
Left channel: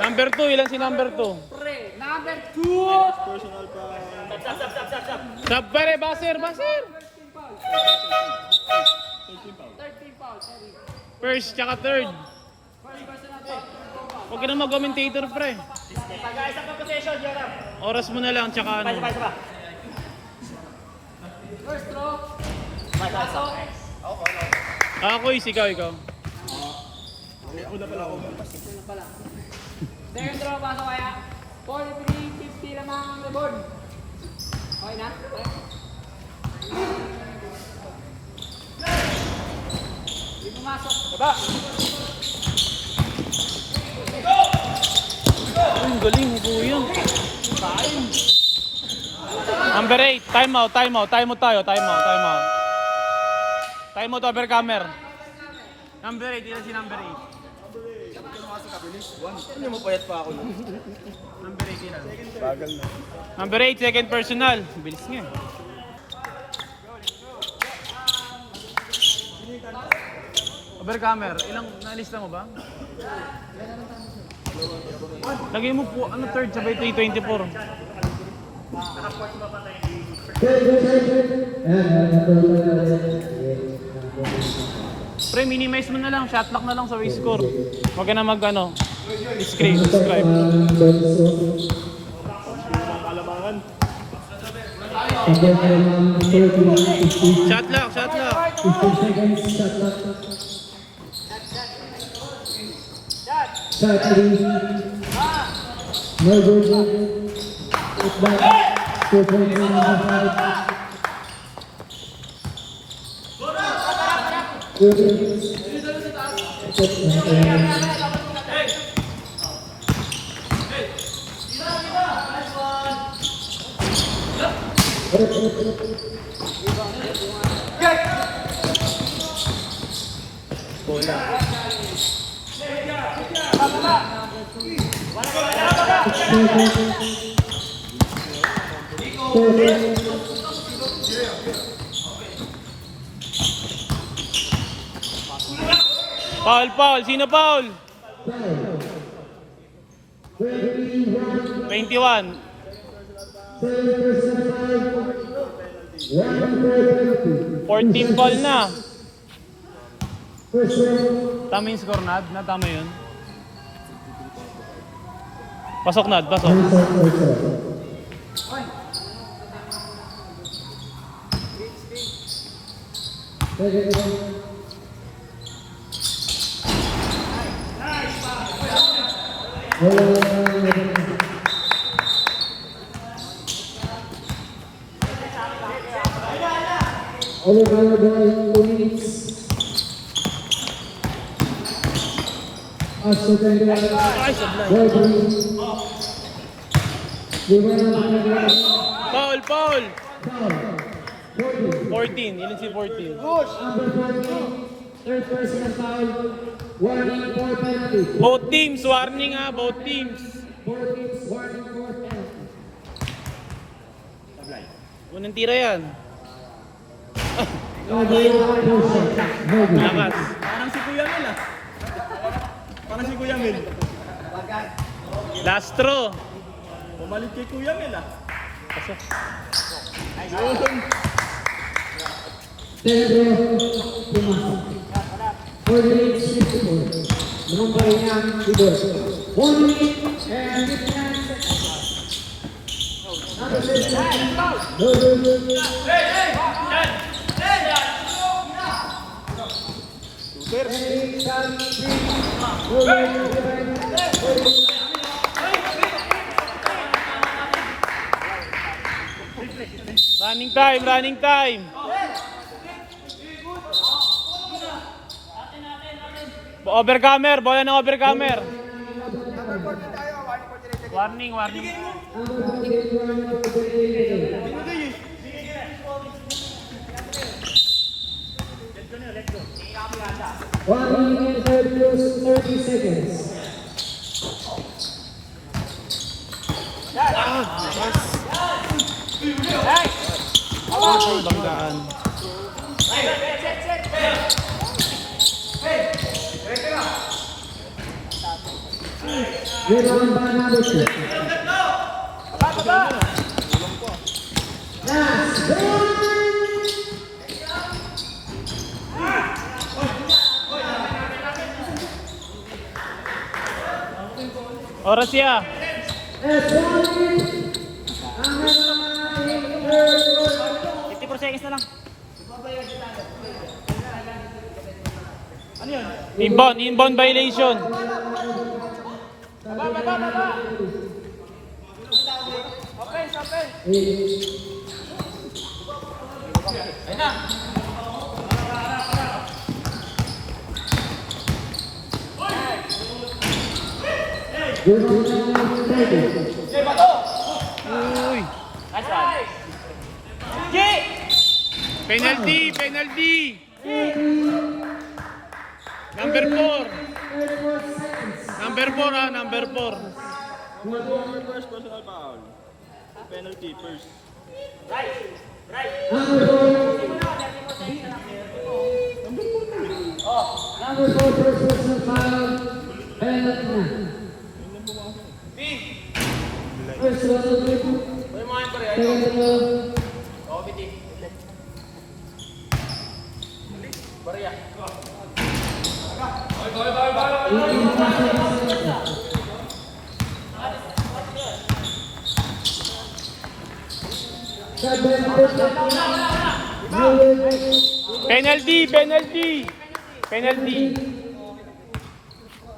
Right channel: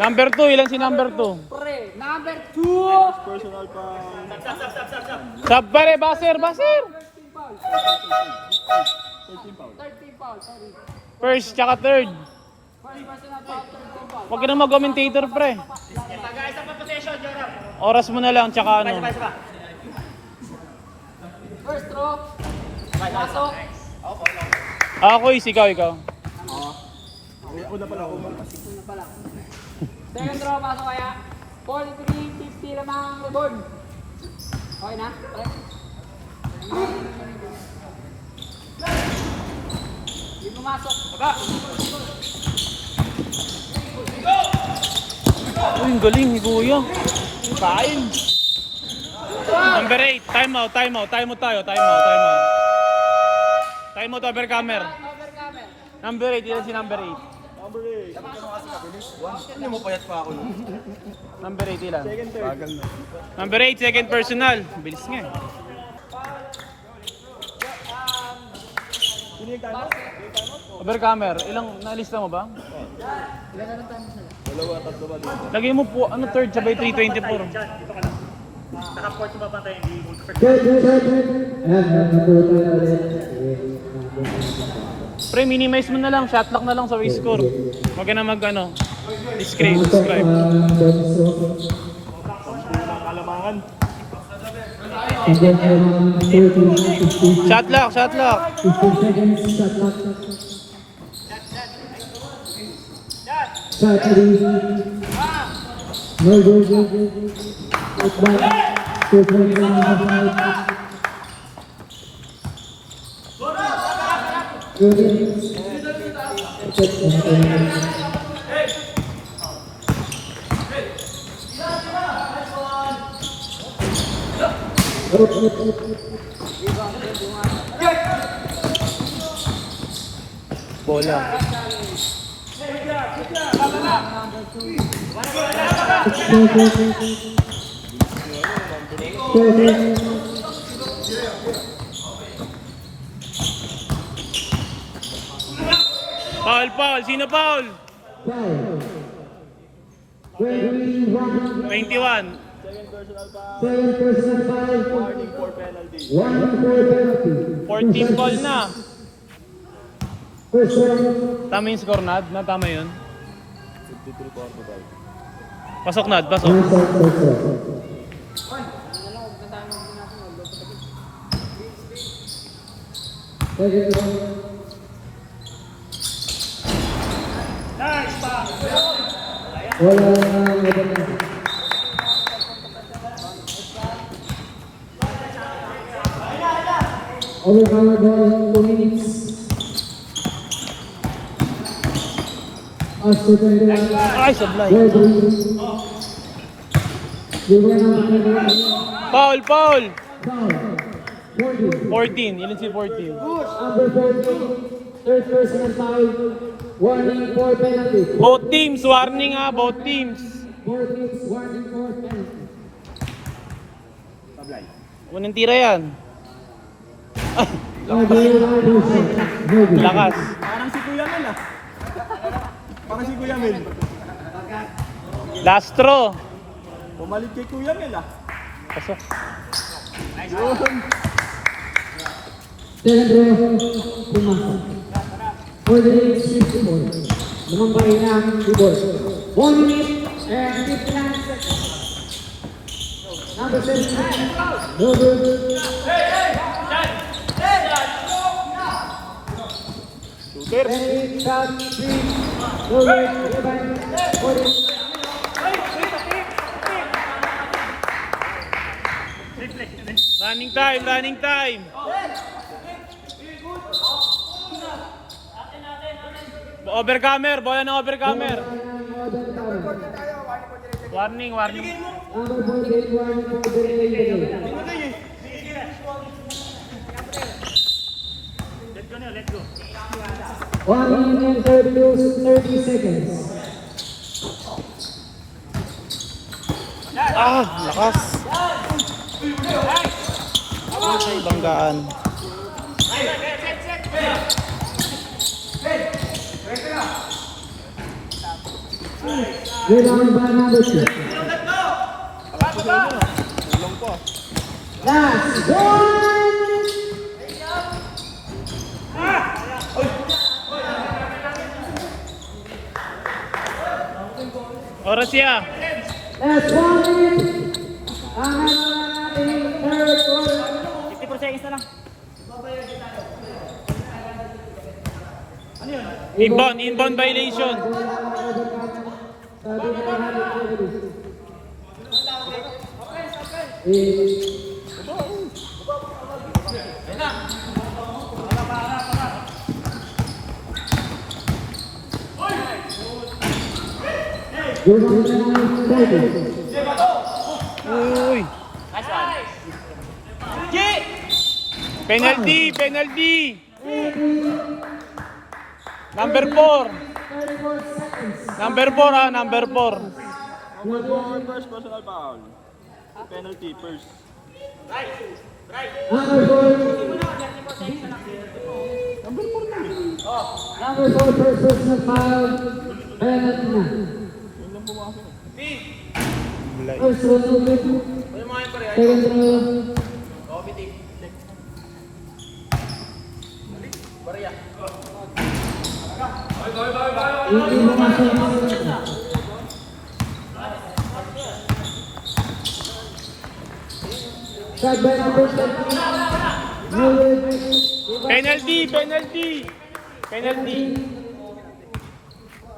Number 2, ilan si number 2? Pre, number 2. Personal pa. Sub pare, baser. Third team foul. Sorry. First, tsaka third. First personal foul. Huwag ka na mag-commentator, pre. Oras mo na lang, tsaka ano. First throw. Pasok. Ako, ikaw. Una pala ako. Second throw, pasok kaya. 43-50 lamang ang rebound. Okay na? Pre? Hindi pumasok. Baba. Uy, galing ni Kuya. Number 8, time out tayo. Time out over camera. Number 8, ilan si number 8? Hindi mo payat pa ako. Number 8 ilan? Number 8, second personal. Bilis nga eh. Over camera, ilang nalista mo ba? Lagay mo po, third sabay 324. Pre, minimize mo na lang, shot lock na lang sa waist score. Huwag ka na describe. Shot lock. 15 seconds, shot clock. Shot 3. Go. It's back. 2 points on the side. 2 minutes. Bola. Foul. Sino foul? 21. 14 foul na. Tama yung score, Nad? Tama yun? Pasok, Nad. Pasok. Overall ball 2 minutes. Pasto 21. Ay, sablay. Ball 3. Given number 21. Foul, foul. Foul. 40. 14, ilan si 14? Number 40. Third personal foul. Warning for penalty. Both teams, warning ha, both teams. 4 teams, warning for penalty. Unang tira yan. Lakas. Parang si Kuya Mel ah. Parang si Kuya Mel. Last throw. Pumalit kay Kuya Mel ah. Pasok. Telegro, pumasok. 48-64. Number niya, Igor. 1 minute and 59 seconds. Number 6, Robert. Running time, running time. Overcomer, bola ng overcomer. Warning, warning. Number 48, warning for penalty. One minute and 30 seconds. Ah, lakas. Ay, banggaan. Rebound by number 2. Last one. Oras ya. Last 1 minute. Ang natin third quarter. 54 seconds na lang. Inbound violation. Uy. Penalty, penalty. Number 4. Number 4 ah, number 4. First personal foul. Penalty first. Number 4 personal foul. Penalty na. First one to get. Second row. Penalty, penalty. Penalty.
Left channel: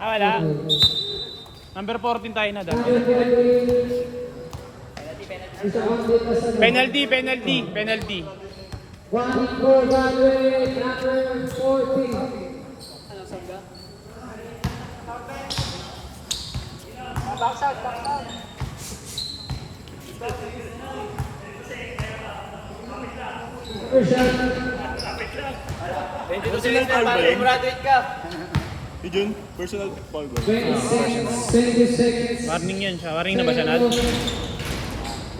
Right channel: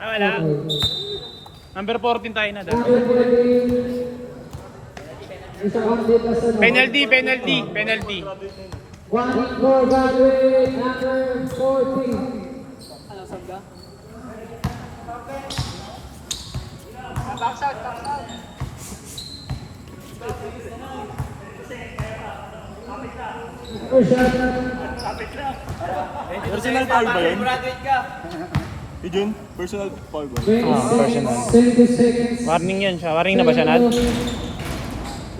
Ah, wala. Number 14 tayo na dahil. Penalty, penalty, penalty. One for graduate, number 14. First shot. Personal foul ba yun? Yun, personal foul ba? 20 seconds. Warning yan siya. Warning na ba siya, Nad?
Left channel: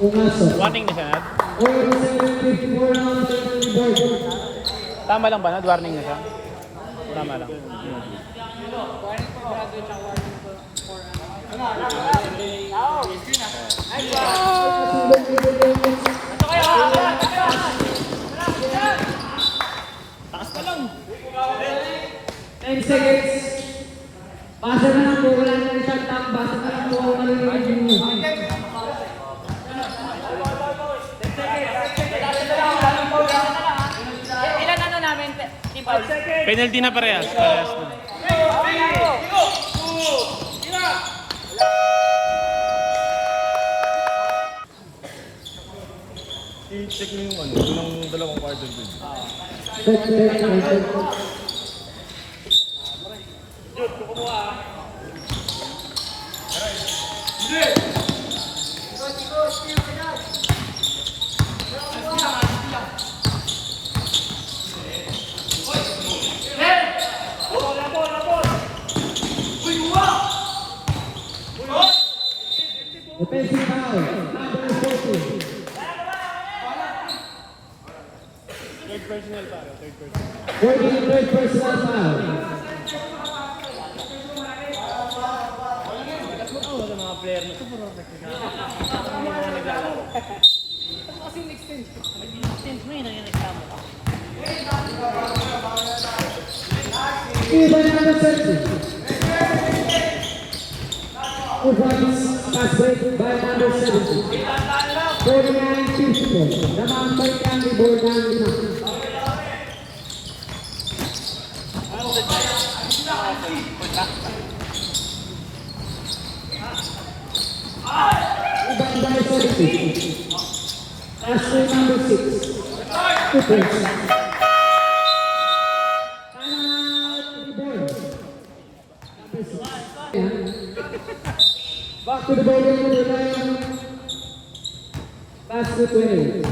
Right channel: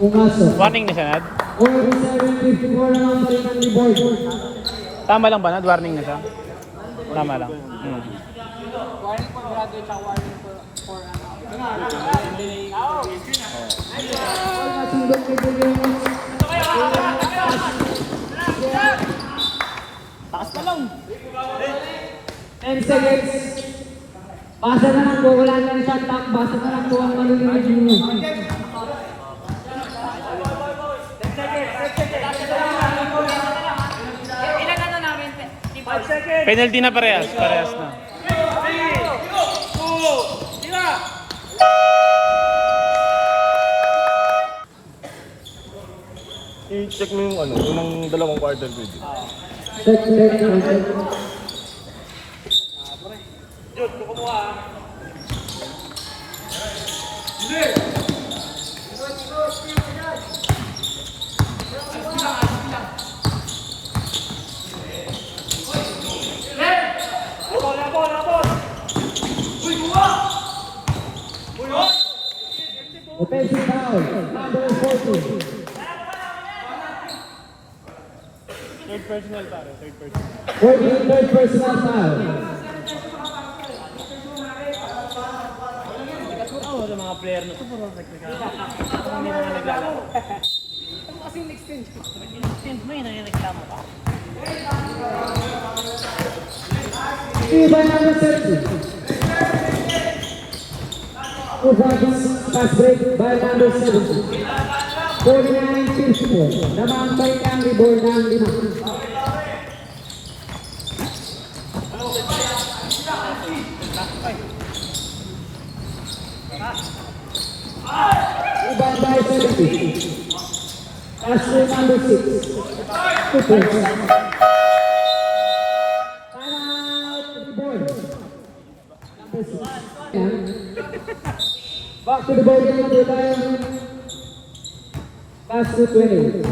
Umasok. Warning na siya, Nad? 47-54 na ang board. Tama lang ba, Nad? Warning na siya? Tama lang. And seconds. Basa na lang po, wala na rin shot time. Basa na lang po ang malulunod nyo. Penalty na parehas. Parehas na. I-check mo yung ano, yung dalawang quarter pwede. Check and direct. Offensive foul, number 14. Third personal foul. Ivan number 30. Uvabis pass break by number 70. 49-54. Namambay ng rebound ng Limassol. Ivan by 70. Ashley number 6. 2 points. Back to the ball game, pass to 20.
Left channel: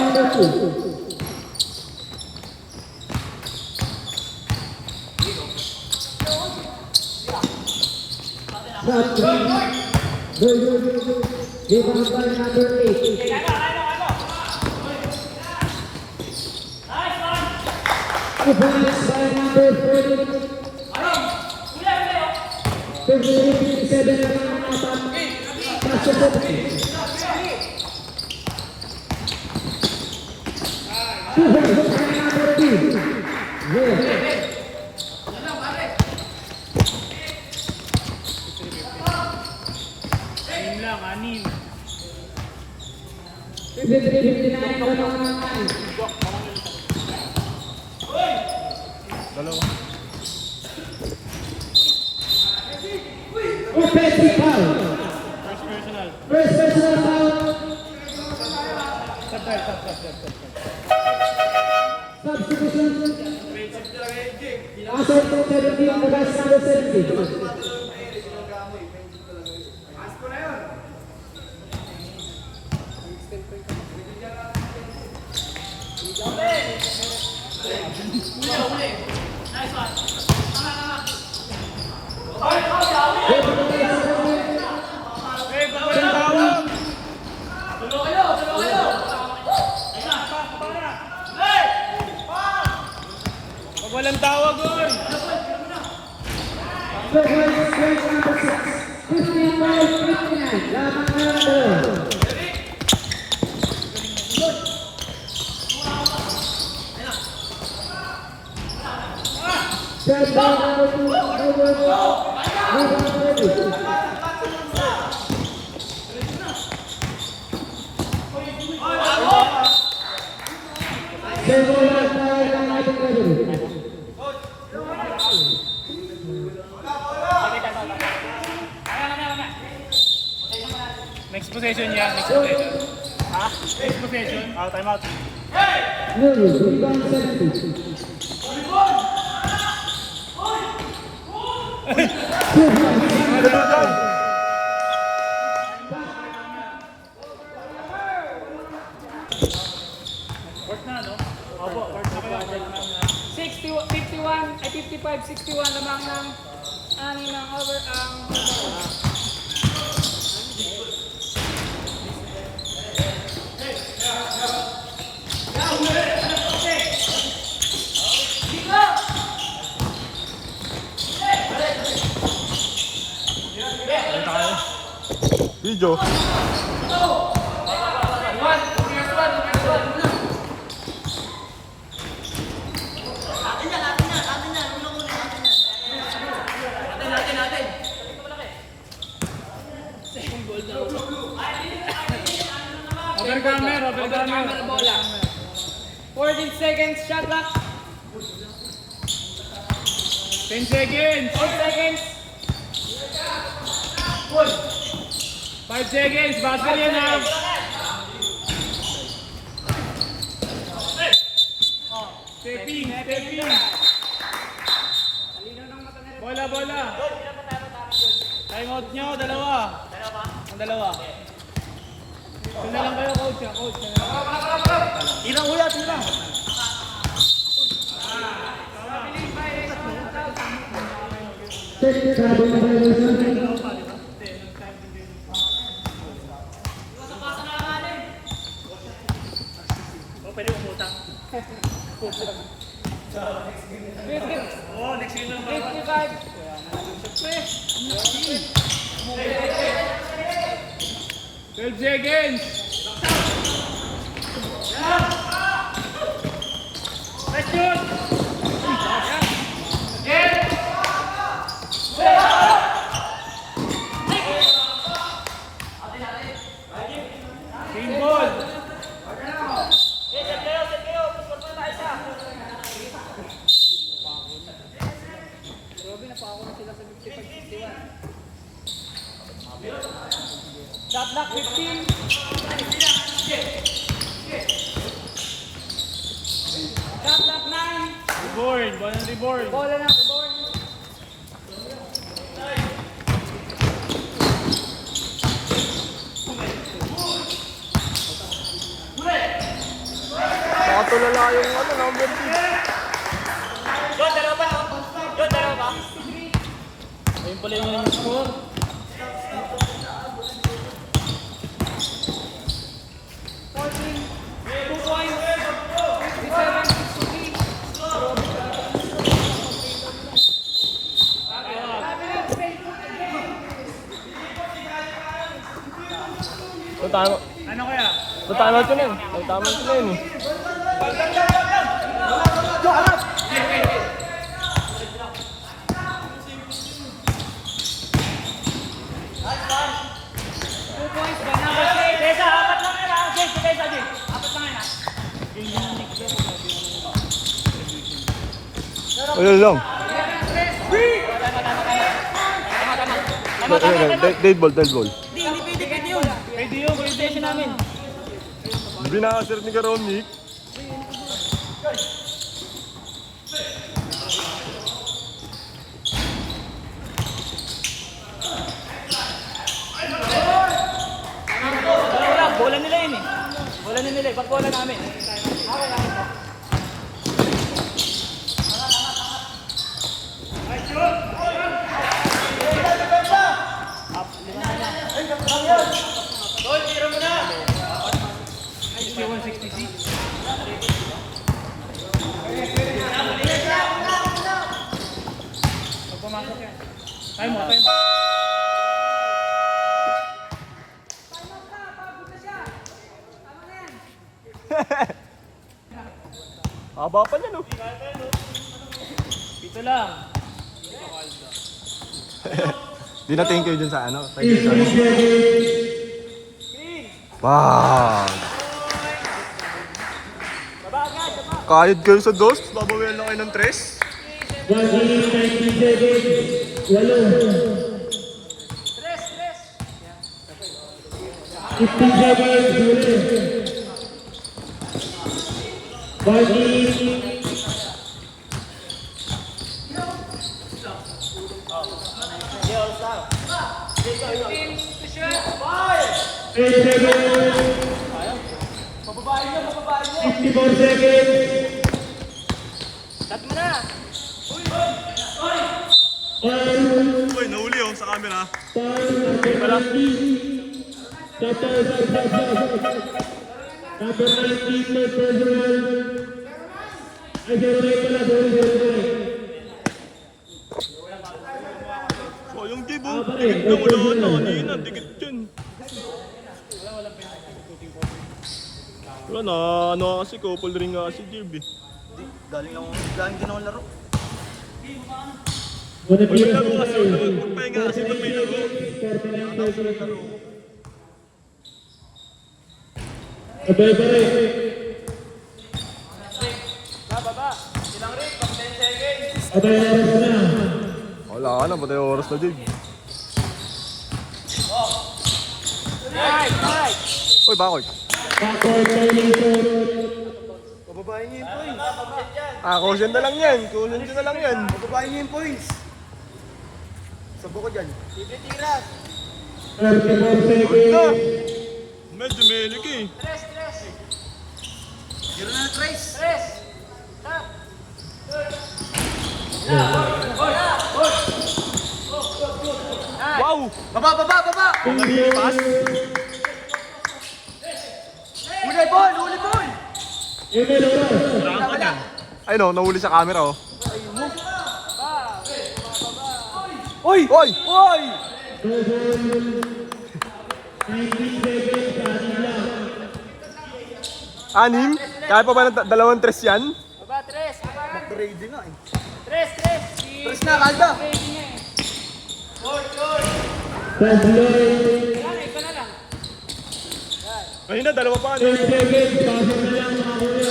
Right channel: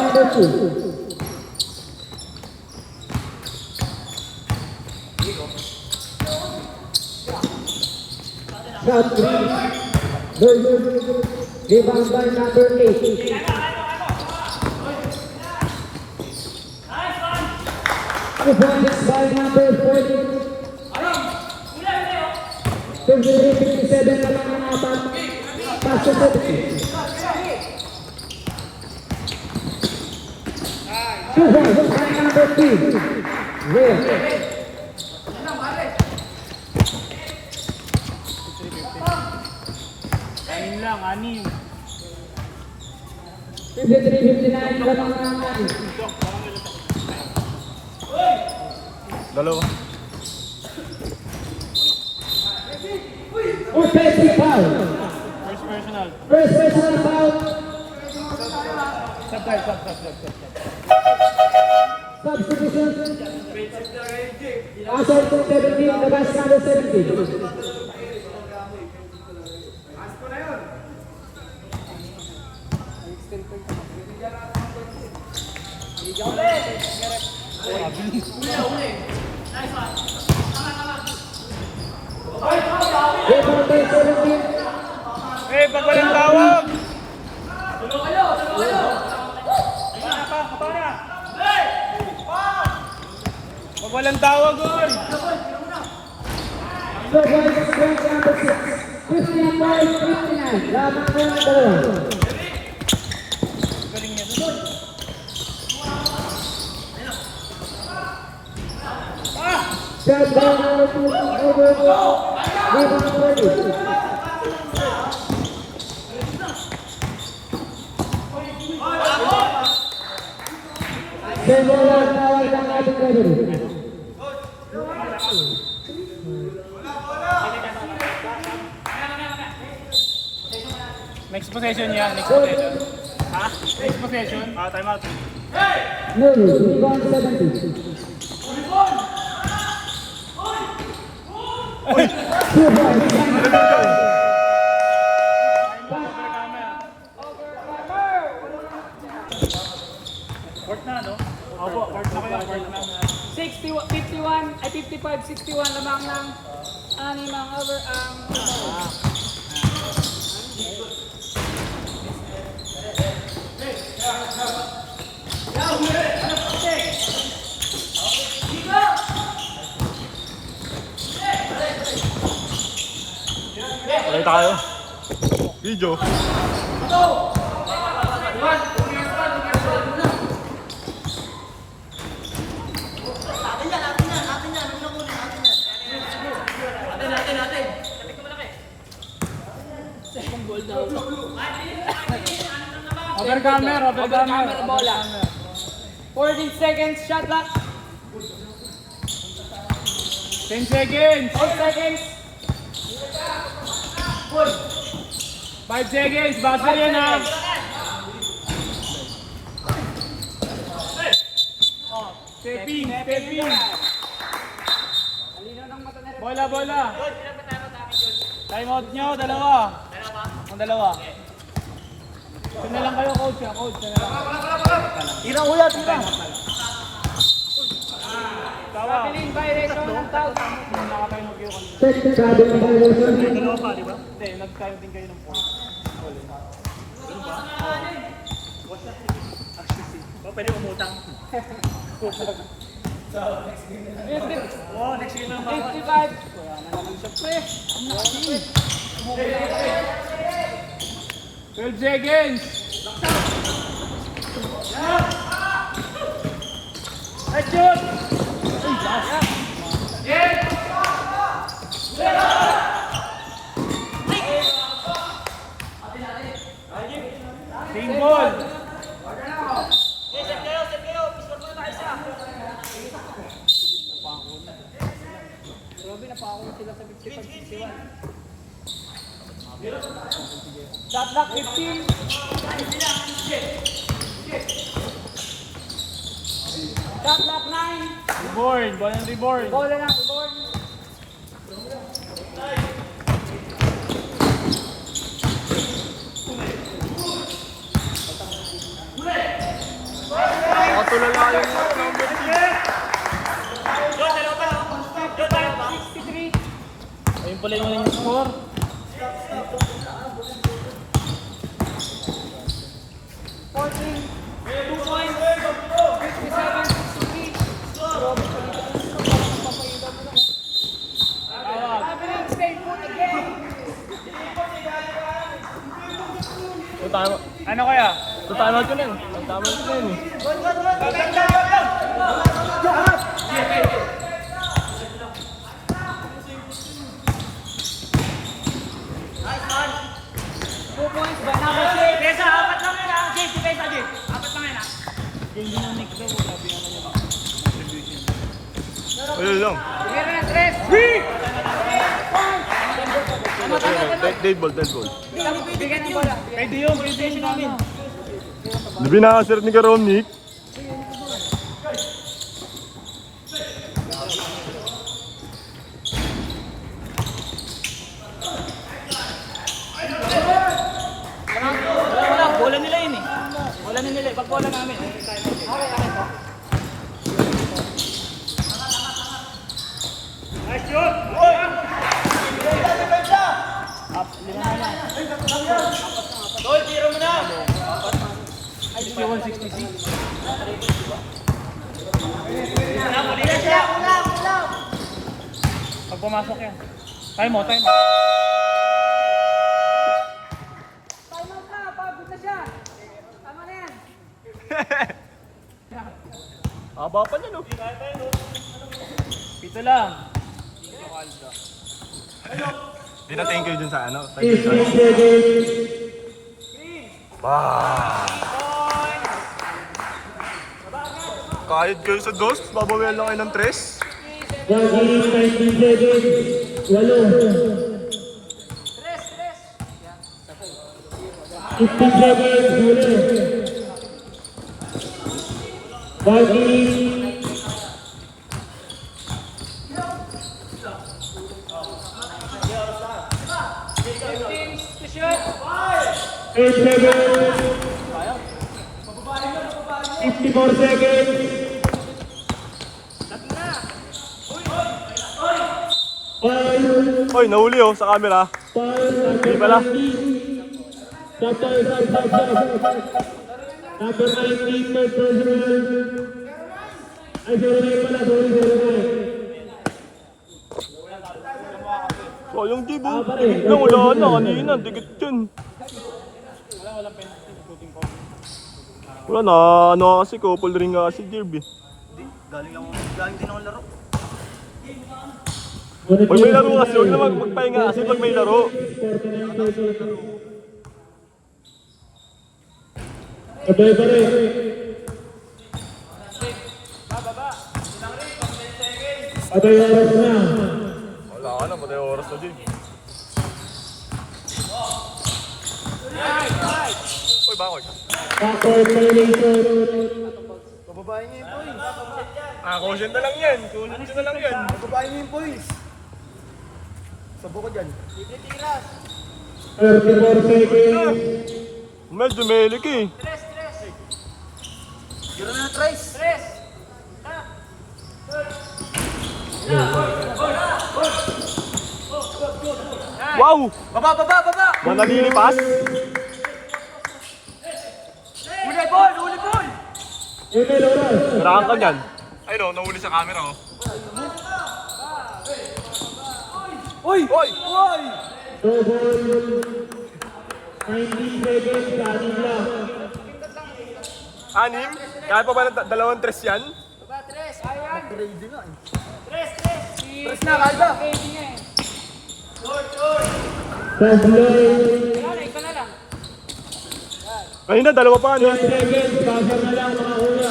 Number 2. Rebound by number 8. Advance by number 40. 53-57 number 2. Dalawa. Offensive foul. First personal foul. Substitution. Asa itong 17, the rest number 17. Walang tawag doon. The ball is straight number 6. 59-59. Lamang na ang dalawa. Shot by number 4. Walang tawag ng ating referee. Next possession yan. Next possession. Next possession. Time out. No, rebound 70. Ay 55-61 lamang ng ani ng over Ano tayo? Video. Overcomer bola. 14 seconds, shot clock. 10 seconds. 4 seconds. 5 seconds. Buzzer yan ha. Stepping. Bola. Time out nyo, dalawa. Ang dalawa. Yun na lang kayo, coach. Tirang uya, tirang. Set sabi ng violation. Safety card. 12 seconds. Let's shoot. Game ball. Shot clock 15. Shot clock 9. Reborn. Ganun reborn. Bola na, bola. Nakatulala yung number 2. Ayun pala yung score. Ano kaya? Tama ko na yun. Tama ko na yun. Wala lang. Dead ball. Pwede yung graduation namin. Di binakasir ni Karon, Nick. Bola nila yun eh. Bola nila eh. Pag bola namin. Pag pumasok yan. Time mo. Haba pa niya, no? Pito lang. Di na thank you dun sa ano? Wow! Kahit kayo sa dos, babawian lang kayo ng 3. Gagi 19 seconds. Walo. 15 seconds. Huli. Gagi. Eight seconds. 54 seconds. Oy, nahuli oh, sa camera. Hindi pala. Number 19, may personal. Ay, 09 pala, sorry. So, yung give oh. Wala na, kanina, dikit dyan. Wala na, ano kasi, couple ring nga si Jerb eh. Galing din ako laro. Pag may laro kasi, huwag naman magpahinga kasi pag may laro. 49 seconds. Sabay pa rin. Sabay oras na. Wala ka na, batay oras na din. Uy, bakol. Backward violation. Caution na lang yan. Caution na lang yan. Babae niyo yung boys. Sabo ko dyan. 34 seconds. Mel, dumelik eh. Giro na Trace. Wow! Baba! Manamili pass. Uli ball! Email oras. Sarahan ka dyan. Ay no, nahuli sa camera oh. Oy! 19 seconds. Anim? Kaya pa ba ng dalawang tres yan? Nag-trade nga eh. Tres na, kanda! Translate. Kanina, dalawa pa. 10 seconds. Kasama na lang mga kuya.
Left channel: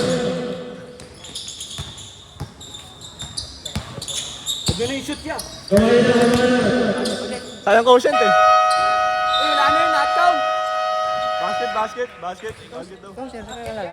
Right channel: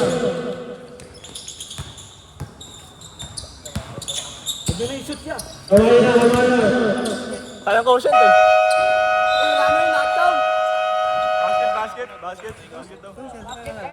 Pwede na yung shoot yan. Okay na. Sayang quotient eh. Uy, wala na yun, knockdown! Basket daw.